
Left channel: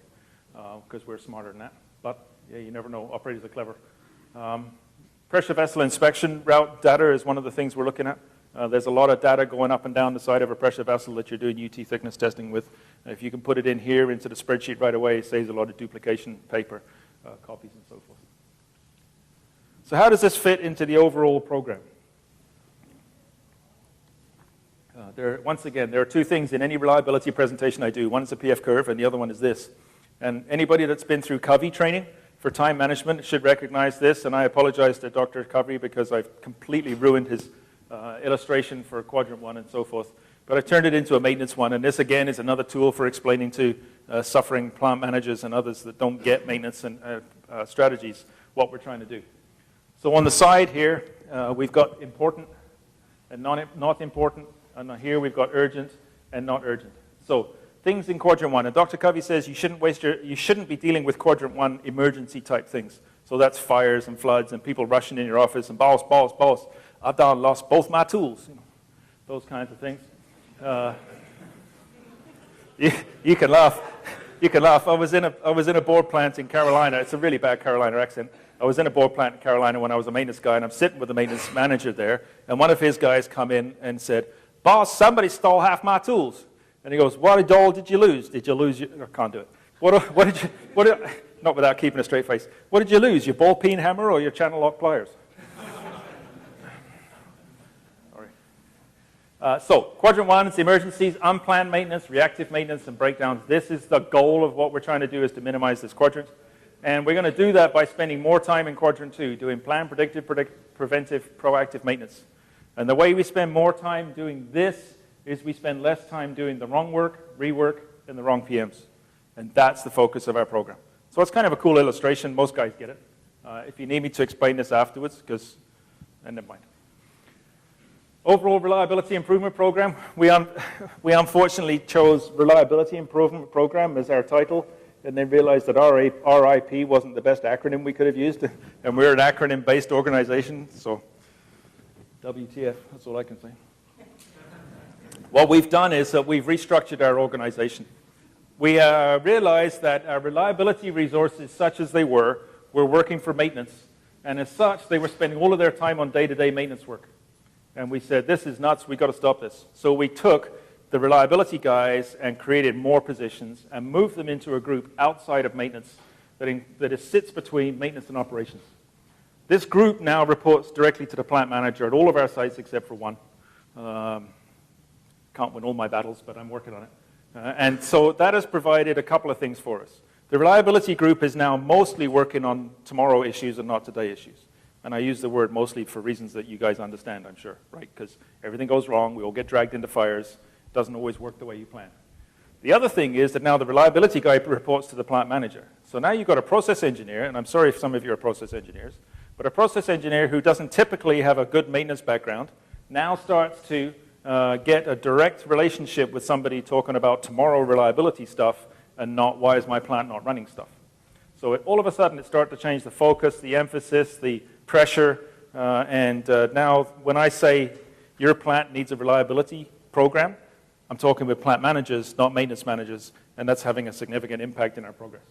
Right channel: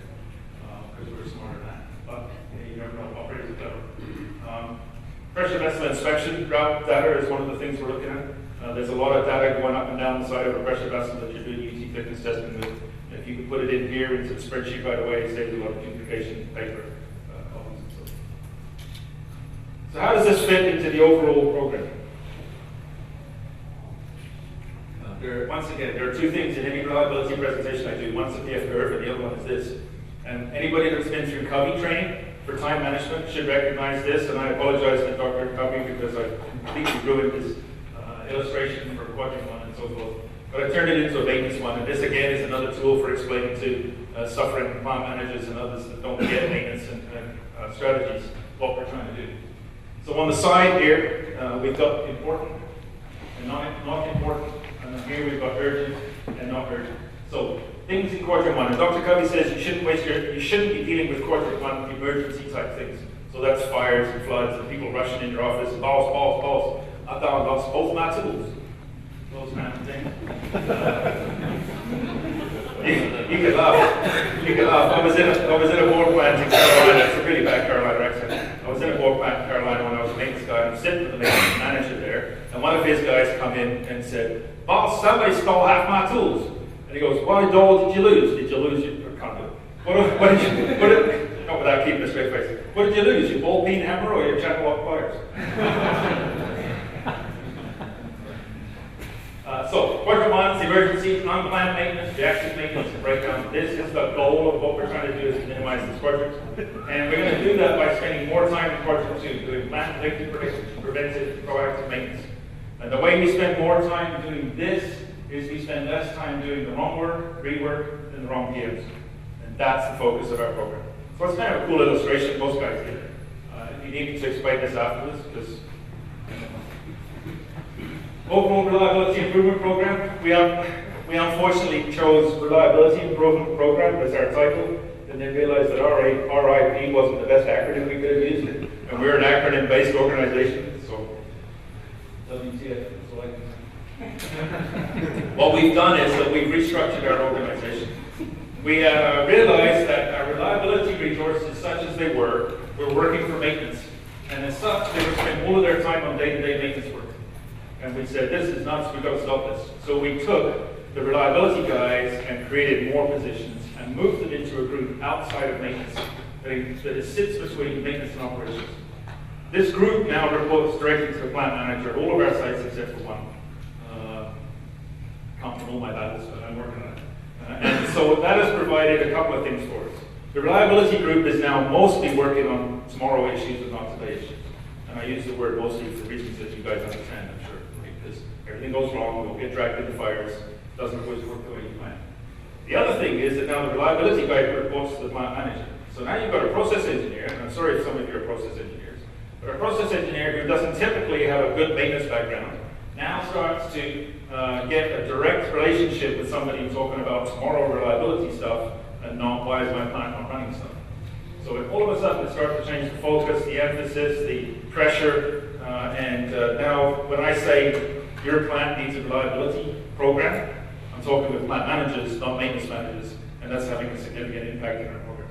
because we're smarter than that. But yeah, you never know, operators are clever. Pressure vessel inspection route data is one of the things we're looking at. There's a lot of data going up and down the side of a pressure vessel that you're doing UT thickness testing with. If you can put it in here into the spreadsheet right away, it saves a lot of duplication paper. So how does this fit into the overall program? Once again, there are two things in any reliability presentation I do. One is a PF curve, and the other one is this. And anybody that's been through Covey training for time management should recognize this, and I apologize to Dr. Covey because I've completely ruined this illustration for quadrant one and so forth. But I turned it into a maintenance one, and this again is another tool for explaining to suffering plant managers and others that don't get maintenance and strategies what we're trying to do. So on the side here, we've got important and not important, and here we've got urgent and not urgent. So things in quadrant one, and Dr. Covey says you shouldn't be dealing with quadrant one emergency type things. So that's fires and floods and people rushing in your office and boss, I've done lost both my tools. Those kinds of things. You can laugh. You can laugh. I was in a board plant in Carolina. It's a really bad Carolina accent. I was in a board plant in Carolina when I was a maintenance guy, and I'm sitting with the maintenance manager there, and one of his guys come in and said, "Boss, somebody stole half my tools." And he goes, "What all did you lose? Did you lose your..." I can't do it. Not without keeping a straight face. What did you lose? Your ball peen hammer or your channel lock pliers? So, quadrant one is the emergency, unplanned maintenance, reactive maintenance, and breakdowns. This is the goal of what we're trying to do, is to minimize this quadrant. And we're going to do that by spending more time in quadrant two, doing planned, predictive, preventive, proactive maintenance. And the way we spend more time doing this is we spend less time doing the wrong work, rework, and the wrong PMs. And that's the focus of our program. So it's kind of a cool illustration. Most guys get it. If you need me to explain this afterwards, because I know. Overall Reliability Improvement Program. We unfortunately chose Reliability Improvement Program as our title, and then realized that RIP wasn't the best acronym we could have used, and we're an acronym-based organization, so WTF, that's all I can say. What we've done is that we've restructured our organization. We realized that our reliability resources, such as they were working for maintenance, and as such, they would spend all of their time on day-to-day maintenance work. And we said, this is nuts, we've got to stop this. So we took the reliability guys and created more positions and moved them into a group outside of maintenance that it sits between maintenance and operations. This group now reports directly to the plant manager at all of our sites except for one. Can't win all my battles, but I'm working on it. And so that has provided a couple of things for us. The reliability group is now mostly working on tomorrow issues and not today issues. And I use the word mostly for reasons that you guys understand, I'm sure. Because everything goes wrong, we'll get dragged into fires, doesn't always work the way you plan. The other thing is that now the reliability guy reports to the plant manager. So now you've got a process engineer, and I'm sorry if some of you are process engineers, but a process engineer who doesn't typically have a good maintenance background now starts to get a direct relationship with somebody talking about tomorrow reliability stuff and not why is my plant not running stuff. So all of a sudden it starts to change the focus, the emphasis, the pressure, and now when I say your plant needs a reliability program, I'm talking with plant managers, not maintenance managers, and that's having a significant impact in our progress.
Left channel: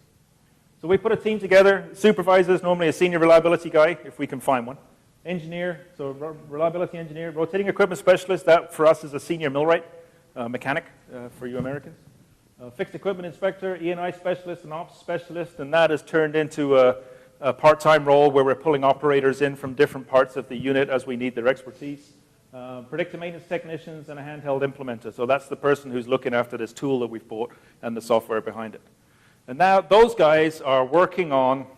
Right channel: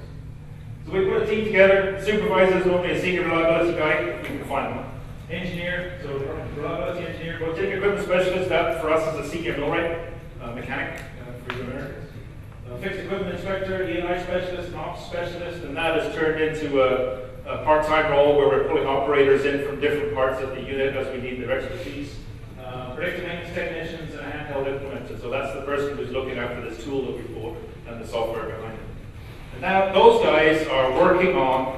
So we put a team together, supervisors, normally a senior reliability guy, if we can find one. Engineer, so reliability engineer, rotating equipment specialist, that for us is a senior millwright, mechanic for you nerds. Fixed equipment inspector, E&I specialist, ops specialist, and that has turned into a part-time role where we're pulling operators in from different parts of the unit as we need their expertise. Predictive maintenance technicians and a handheld implementer. So that's the person who's looking after this tool that we bought and the software behind it. And now those guys are working on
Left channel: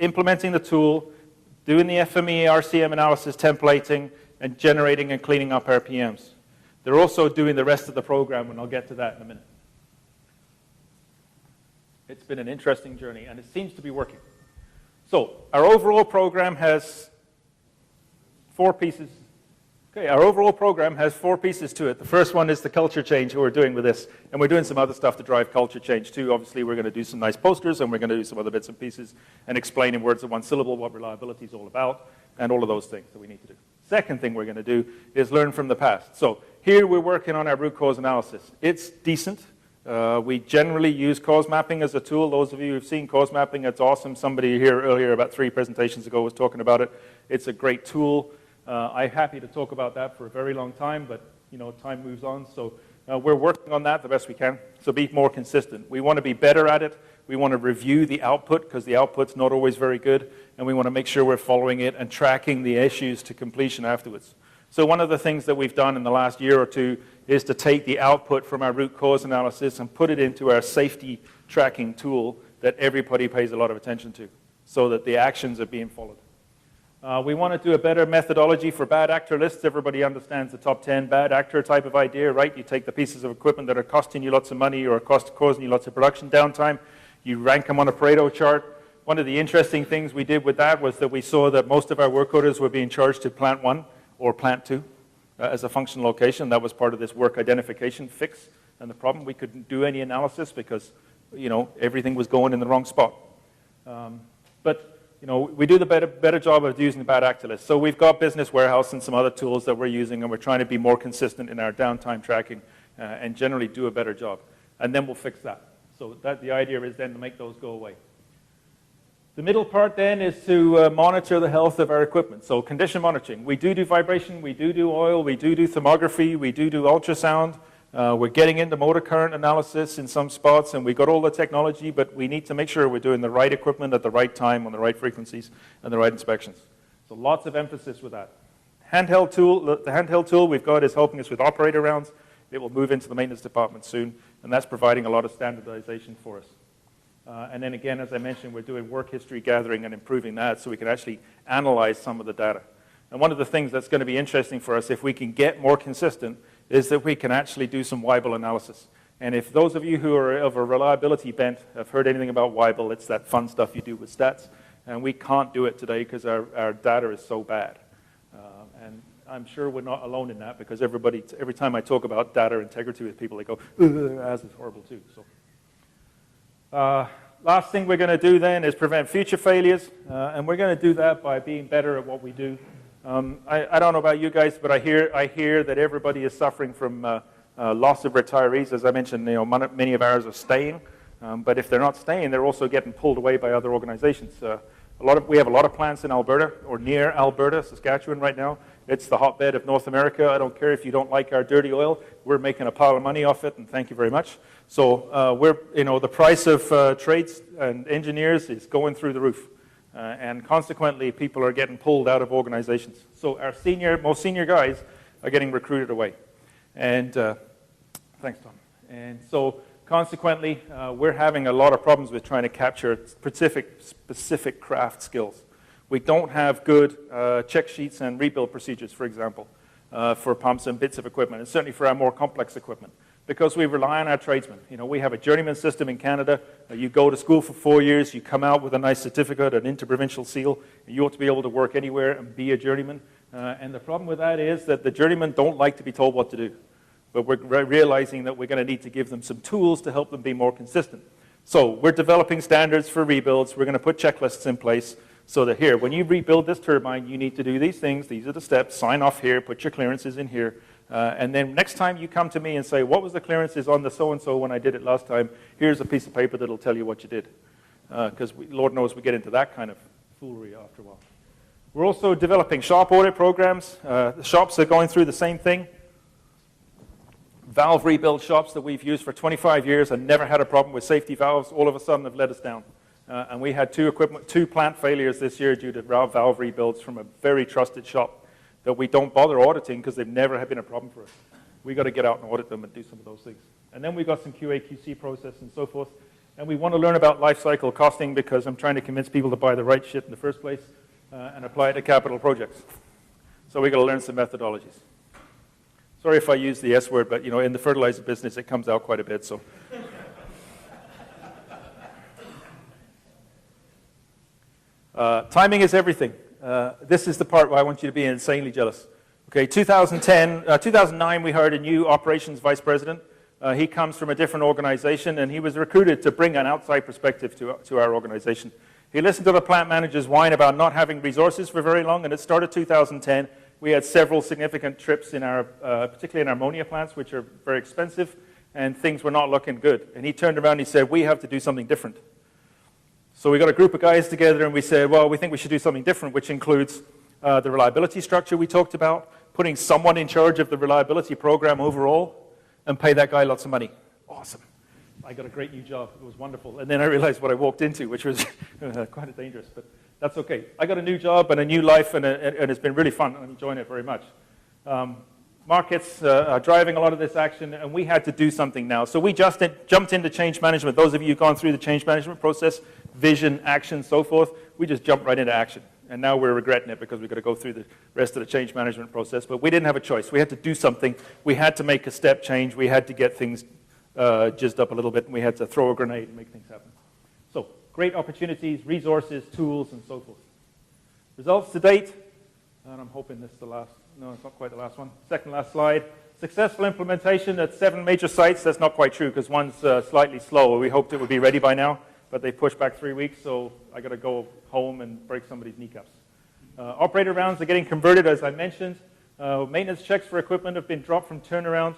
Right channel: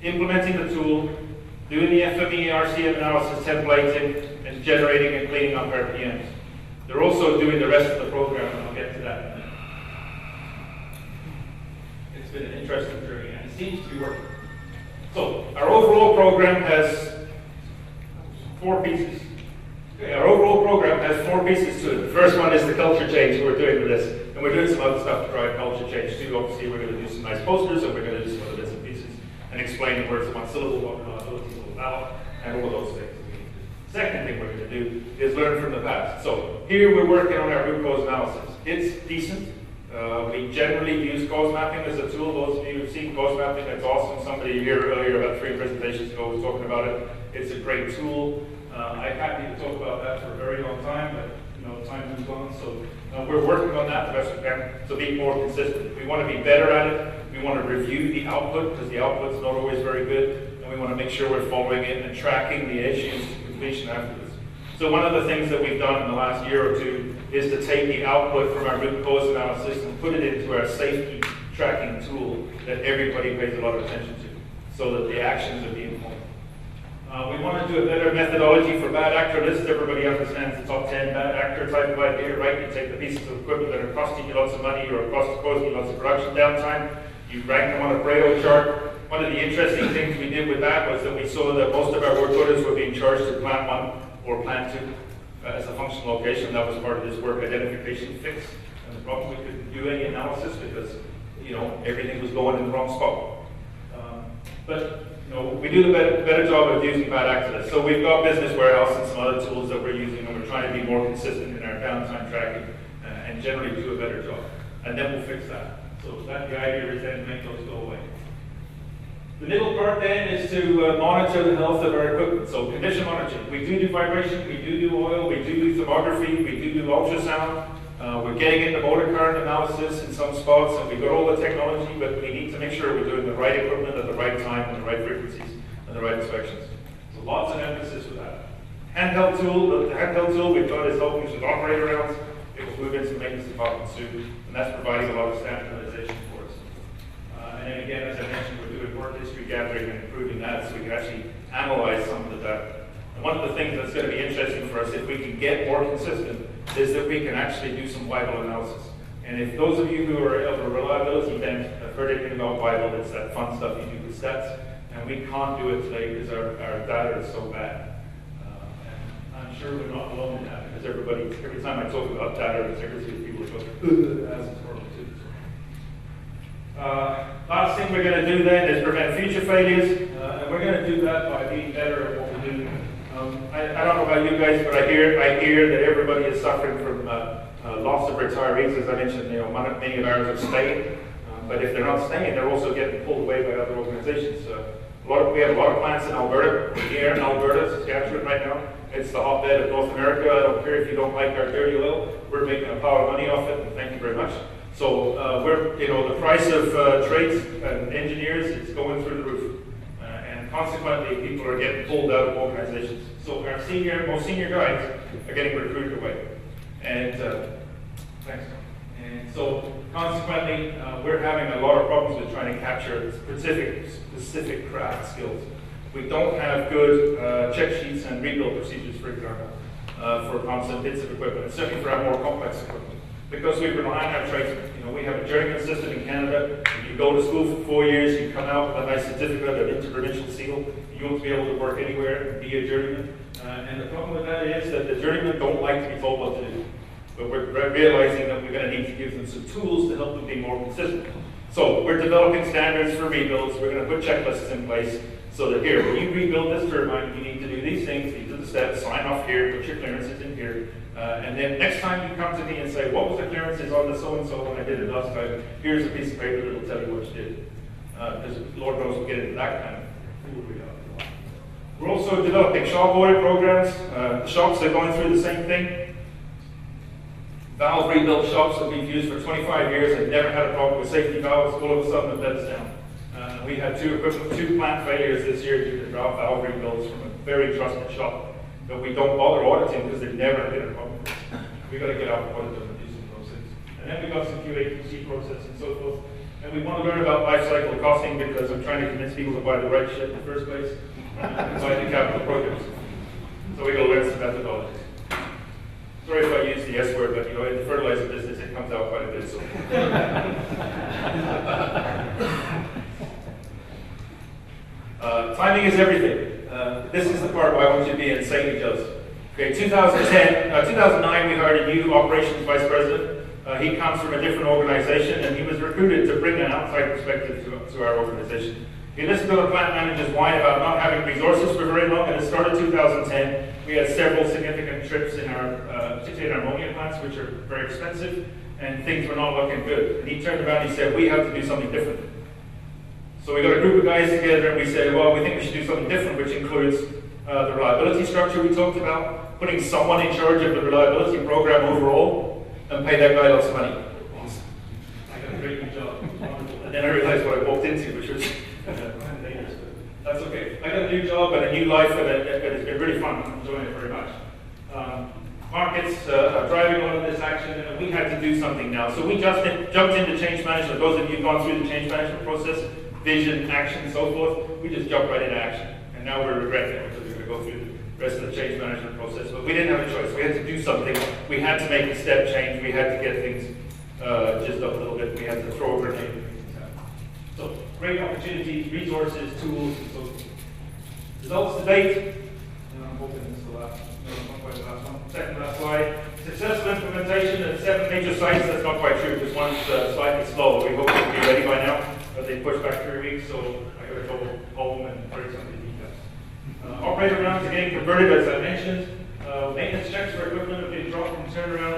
implementing the tool, doing the FMEA RCM analysis templating, and generating and cleaning up RPMs. They're also doing the rest of the program, and I'll get to that in a minute. It's been an interesting journey, and it seems to be working. So our overall program has 4 pieces. Okay, our overall program has 4 pieces to it. The first one is the culture change that we're doing with this. And we're doing some other stuff to drive culture change too. Obviously, we're going to do some nice posters, and we're going to do some other bits and pieces, and explain in words of one syllable what reliability is all about, and all of those things. Second thing we're going to do is learn from the past. So here we're working on our root cause analysis. It's decent. We generally use cause mapping as a tool. Those of you who've seen cause mapping, it's awesome. Somebody here earlier, about 3 presentations ago, was talking about it. It's a great tool. I happen to talk about that for a very long time, but time moves on. So we're working on that the best we can. So be more consistent. We want to be better at it. We want to review the output because the output's not always very good, and we want to make sure we're following it and tracking the issues to completion afterwards. So one of the things that we've done in the last year or 2 is to take the output from our root cause analysis and put it into our safety tracking tool that everybody pays a lot of attention to, so that the actions are being followed. We want to do a better methodology for bad actor lists. Everybody understands the top 10 bad actor type of idea, right? You take the pieces of equipment that are costing you lots of money or causing you lots of production downtime. You rank them on a Pareto chart. One of the interesting things we did with that was that we saw that most of our work orders were being charged to plant 1 or plant 2 as a functional location. That was part of this work identification fix. And the problem, we couldn't do any analysis because everything was going in the wrong spot. But we do the better job of using bad actor lists. So we've got Business Warehouse and some other tools that we're using, and we're trying to be more consistent in our downtime tracking and generally do a better job. And then we'll fix that. So that's the idea, is then to make those go away. The middle part then is to monitor the health of our equipment. So condition monitoring. We do vibration, we do oil, we do thermography, we do ultrasound. We're getting into motor current analysis in some spots, and we've got all the technology, but we need to make sure we're doing the right equipment at the right time on the right frequencies and the right inspections. So lots of emphasis with that. Handheld tool, the handheld tool we've got is helping us with operator rounds. It will move into the maintenance department soon, and that's providing a lot of standardization for us. And then again, as I mentioned, we're doing work history gathering and improving that so we can actually analyze some of the data. And one of the things that's going to be interesting for us, if we can get more consistent, is that we can actually do some Weibull analysis. And if those of you who are of a reliability bent have heard anything about Weibull, it's that fun stuff you do with stats. And we can't do it today because our data is so bad. And I'm sure we're not alone in that, because every time I talk about data integrity, people go, that's horrible too. Last thing we're going to do then is prevent future failures, and we're going to do that by being better at what we do. I don't know about you guys, but I hear that everybody is suffering from loss of retirees. As I mentioned, many of ours are staying, but if they're not staying, they're also getting pulled away by other organizations. We have a lot of plants in Alberta, or near Alberta, Saskatchewan right now. It's the hotbed of North America. I don't care if you don't like our dirty oil. We're making a pile of money off it, and thank you very much. So the price of trades and engineers is going through the roof. And consequently, people are getting pulled out of organizations. So our most senior guys are getting recruited away. And thanks. And so consequently, we're having a lot of problems with trying to capture specific craft skills. We don't have good check sheets and rebuild procedures, for example, for pumps and bits of equipment, and certainly for our more complex equipment. Because we rely on our tradesmen. You know, we have a journeyman system in Canada, and you go to school for 4 years, you come out with a nice certificate, an interprovincial seal, you ought to be able to work anywhere and be a journeyman. And the problem with that is that the journeymen don't like to be told what to do. But we're realizing that we're going to need to give them some tools to help them be more consistent. So we're developing standards for rebuilds. We're going to put checklists in place so that here, when you rebuild this turbine, you need to do these things, these are the steps, sign off here, put your clearances in here. And then next time you come to me and say, what was the clearances on the so-and-so when I did it last time? Here's a piece of paper that'll tell you what you did. Because Lord knows we get into that kind of foolery. We're also developing shop audit programs. The shops are going through the same thing. Valve rebuild shops that we've used for 25 years and never had a problem with safety valves, all of a sudden have let us down. And we had two plant failures this year due to valve rebuilds from a very trusted shop that we don't bother auditing because they've never been a problem. We've got to get out and audit them and do some of those things. And then we've got some QA/QC process and so forth. And we want to learn about life cycle costing because I'm trying to convince people to buy the right shit in the first place, buy the capital projects. So we've got to learn some methodologies. Sorry if I use the S word, but you know, in the fertilizer business it comes out quite a bit. So. Timing is everything. This is the part where I want you to be insanely jealous. Okay, 2009 we hired a new operations vice president. He comes from a different organization and he was recruited to bring an outside perspective to our organization. He listened to the plant manager's whine about not having resources for very long, and it started 2010. We had several significant trips in our, particularly in our ammonia plants, which are very expensive, and things were not looking good. And he turned around and he said, we have to do something different. So we got a group of guys together and we said, well, we think we should do something different, which includes the reliability structure we talked about, putting someone in charge of the reliability program overall, and pay that guy lots of money. Awesome. I got a great new job. And then I realized what I walked into, which was quite dangerous. That's okay. I got a new job and a new life, and it's been really fun. I'm enjoying it very much. Markets are driving a lot of this action, and we had to do something now. So we just jumped into change management. Those of you who've gone through the change management process, vision, action, so forth, we just jumped right into action. And now we're regretting it because we're going to go through the rest of the change management process. But we didn't have a choice. We had to do something. We had to make a step change. We had to get things jizzed up a little bit, and we had to throw a grenade. So, great opportunities, resources, tools, and so forth. Results to date. And I'm hoping it's the last, no, it's not quite the last one. Second last slide. Successful implementation at 7 major sites. That's not quite true because one's slightly slow. We hope it'll be ready by now, but they pushed back 3 weeks, so I got to go home and break some of these details. Operator rounds are getting converted, as I mentioned. Maintenance checks for equipment have been dropped from turnaround.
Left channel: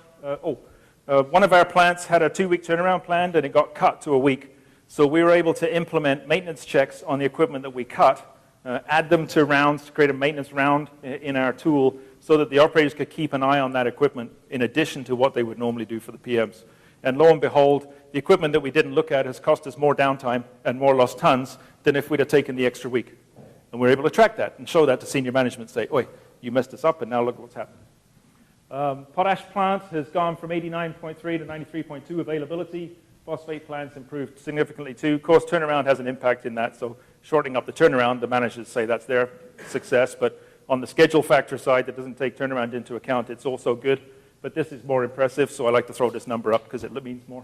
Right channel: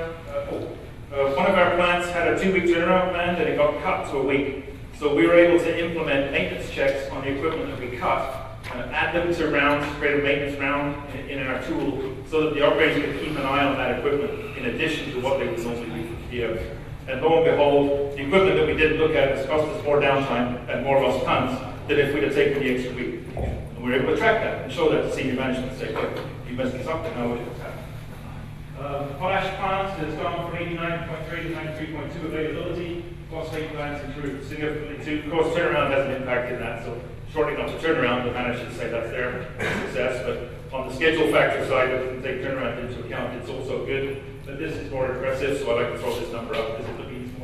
One of our plants had a 2-week turnaround plan, and it got cut to a week. So we were able to implement maintenance checks on the equipment that we cut, add them to rounds, create a maintenance round in our tool, so that the operators could keep an eye on that equipment in addition to what they would normally do for the PMs. And lo and behold, the equipment that we didn't look at has cost us more downtime and more lost tons than if we'd have taken the extra week. And we're able to track that and show that to senior management and say, wait, you messed this up and now look at what's happened. Potash plants has gone from 89.3 to 93.2 availability. Phosphate plants improved significantly too. Of course, turnaround has an impact in that, so shortening up the turnaround, the managers say that's their success, but on the schedule factor side, it doesn't take turnaround into account. It's also good, but this is more impressive, so I like to throw this number up because it means more.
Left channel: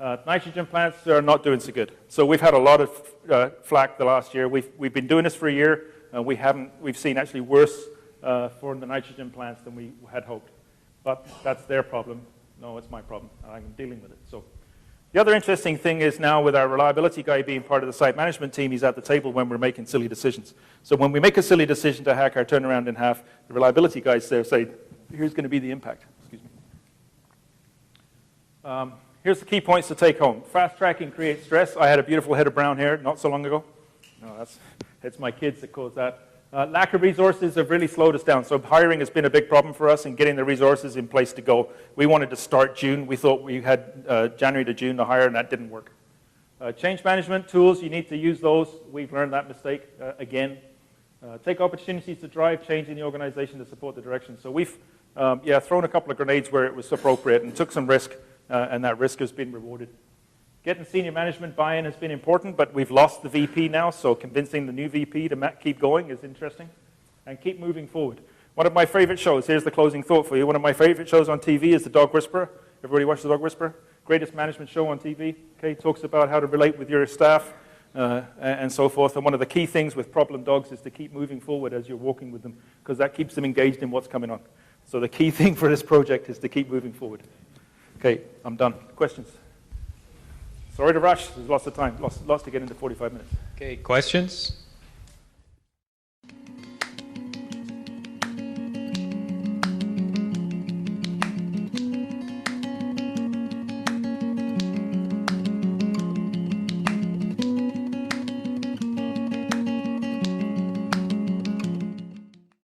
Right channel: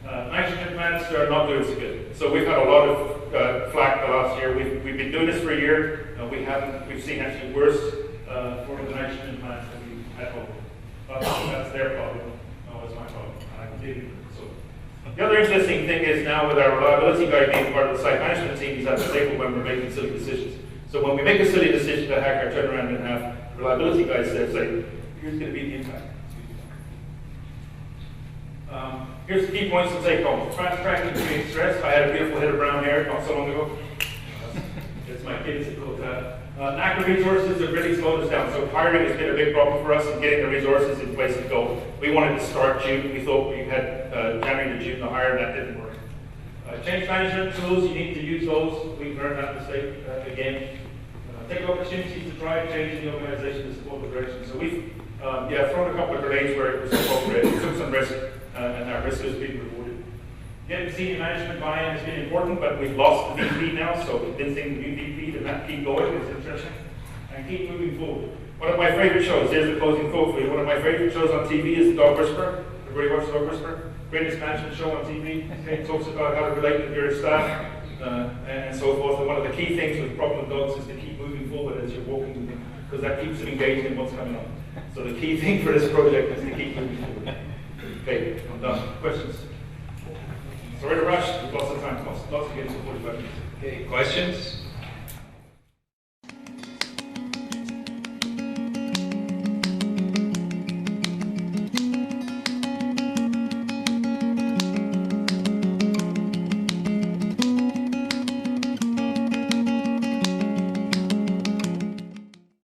Nitrogen plants are not doing so good. So we've had a lot of flack the last year. We've been doing this for a year, and we've seen actually worse for the nitrogen plants than we had hoped. But that's their problem. No, it's my problem. I'm dealing with it. So the other interesting thing is now with our reliability guy being part of the site management team, he's at the table when we're making silly decisions. So when we make a silly decision to hack our turnaround in half, the reliability guys there say, here's going to be the impact. Here's the key points to take home. Fast tracking creates stress. I had a beautiful head of brown hair not so long ago. It's my kids that quote that. Lack of resources have really slowed us down. So hiring has been a big problem for us and getting the resources in place to go. We wanted to start June. We thought we had January to June to hire, and that didn't work. Change management tools, you need to use those. We've learned that mistake again. Take opportunities to drive change in the organization to support the direction. So we've Yeah, thrown a couple of grenades where it was appropriate. We took some risk, and that risk has been rewarded. Getting senior management buy-in has been important, but we've lost the VP now, so convincing the new VP to keep going is interesting, and keep moving forward. One of my favorite shows, here's the closing thought for you, one of my favorite shows on TV is The Dog Whisperer. Everybody watch The Dog Whisperer? Greatest management show on TV. It talks about how to relate with your staff and so forth. And one of the key things with problem dogs is to keep moving forward as you're walking with them, because that keeps them engaged in what's coming on. So the key thing for this project is to keep moving forward. Okay, I'm done. Questions? Sorry to rush. There's lots of time. Lots to get into 45 minutes. Okay, questions?